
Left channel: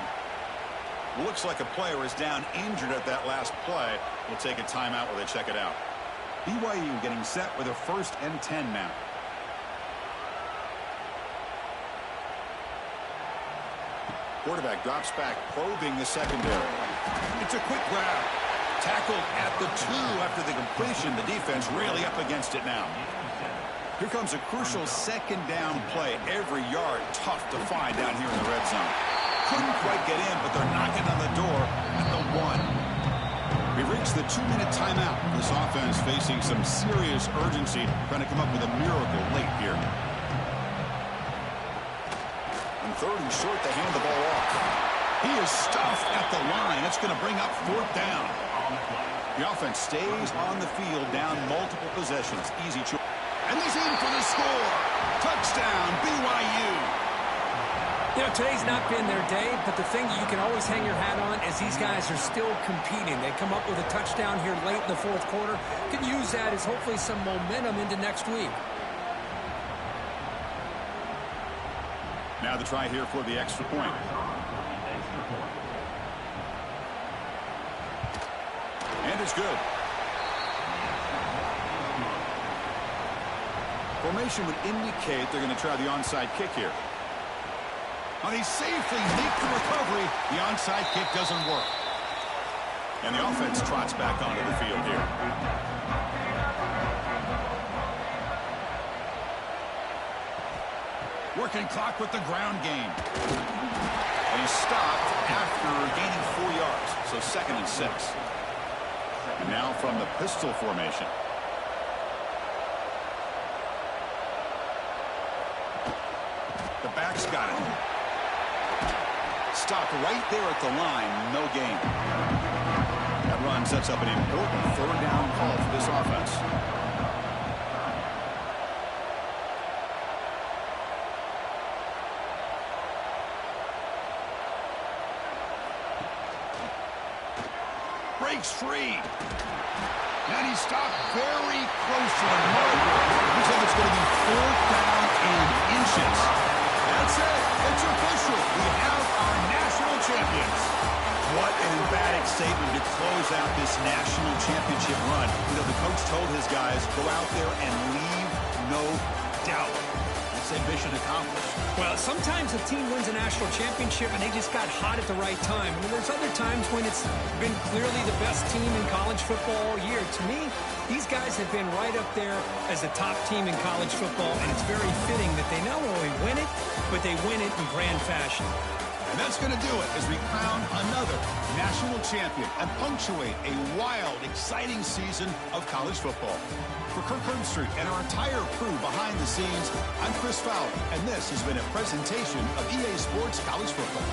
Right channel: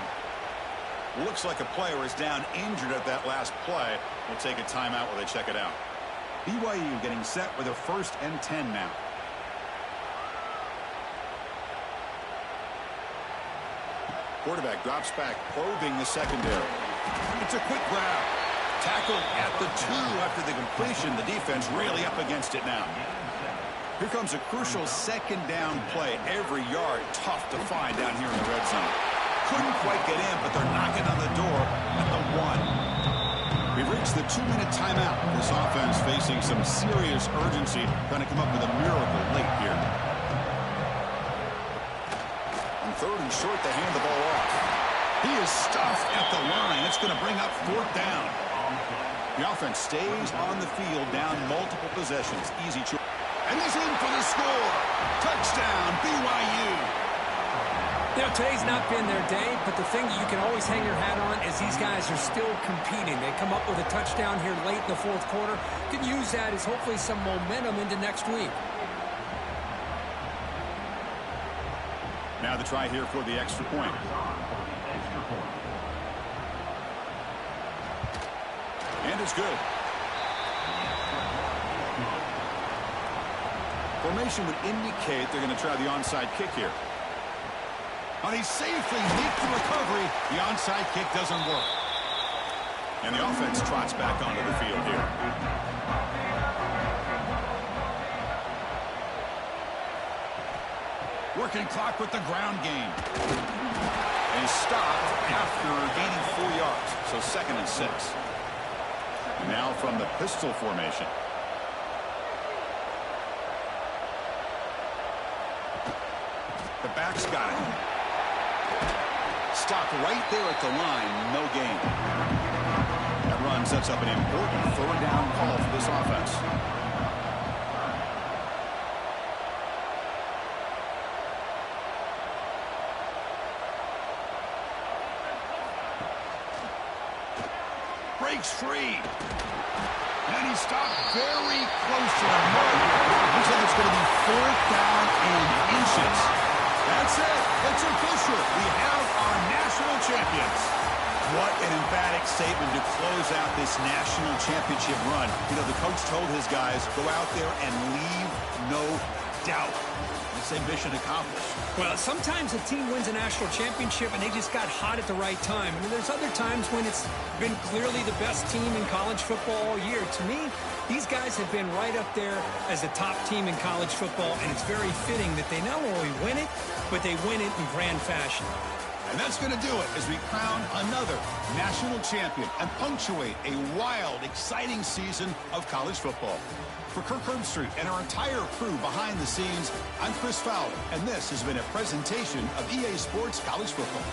Looks like a player is down injured at that last play. We'll take a timeout while they check it out. BYU getting set with a 1st and 10 now. Quarterback drops back, probing the secondary. It's a quick grab. Tackled at the 2 after the completion. The defense really up against it now. Here comes a crucial second down play. Every yard tough to find down here in the red zone. Couldn't quite get in, but they're knocking on the door at the 1. We've reached the 2-minute timeout. This offense facing some serious urgency, trying to come up with a miracle late here. On 3rd and short, they hand the ball off. He is stuffed at the line. It's going to bring up 4th down. The offense stays on the field, down multiple possessions. Easy choice. And he's in for the score. Touchdown, BYU. You know, today's not been their day, but the thing you can always hang your hat on is these guys are still competing. They come up with a touchdown here late in the 4th quarter. Can use that as hopefully some momentum into next week. Now the try here for the extra point. And it's good. Formation would indicate they're going to try the onside kick here. Now they safely make the recovery. The onside kick doesn't work. And the offense trots back onto the field here. Working clock with the ground game. And he's stopped after gaining 4 yards. So 2nd and 6. And now from the pistol formation. The back's got it. Stopped right there at the line. No gain. That run sets up an important 3rd down call for this offense. Breaks free. And he stopped very close to the mark. He said it's going to be 4th down and inches. That's it. It's official. We have our national champions. What an emphatic statement to close out this national championship run. You know, the coach told his guys, go out there and leave no doubt. Let's say mission accomplished. Well, sometimes a team wins a national championship and they just got hot at the right time. And there's other times when it's been clearly the best team in college football all year. To me, these guys have been right up there as the top team in college football, and it's very fitting that they not only win it, but they win it in grand fashion. And that's going to do it as we crown another national champion and punctuate a wild, exciting season of college football. For Kirk Herbstreit and our entire crew behind the scenes, I'm Chris Fowler, and this has been a presentation of EA Sports College Football.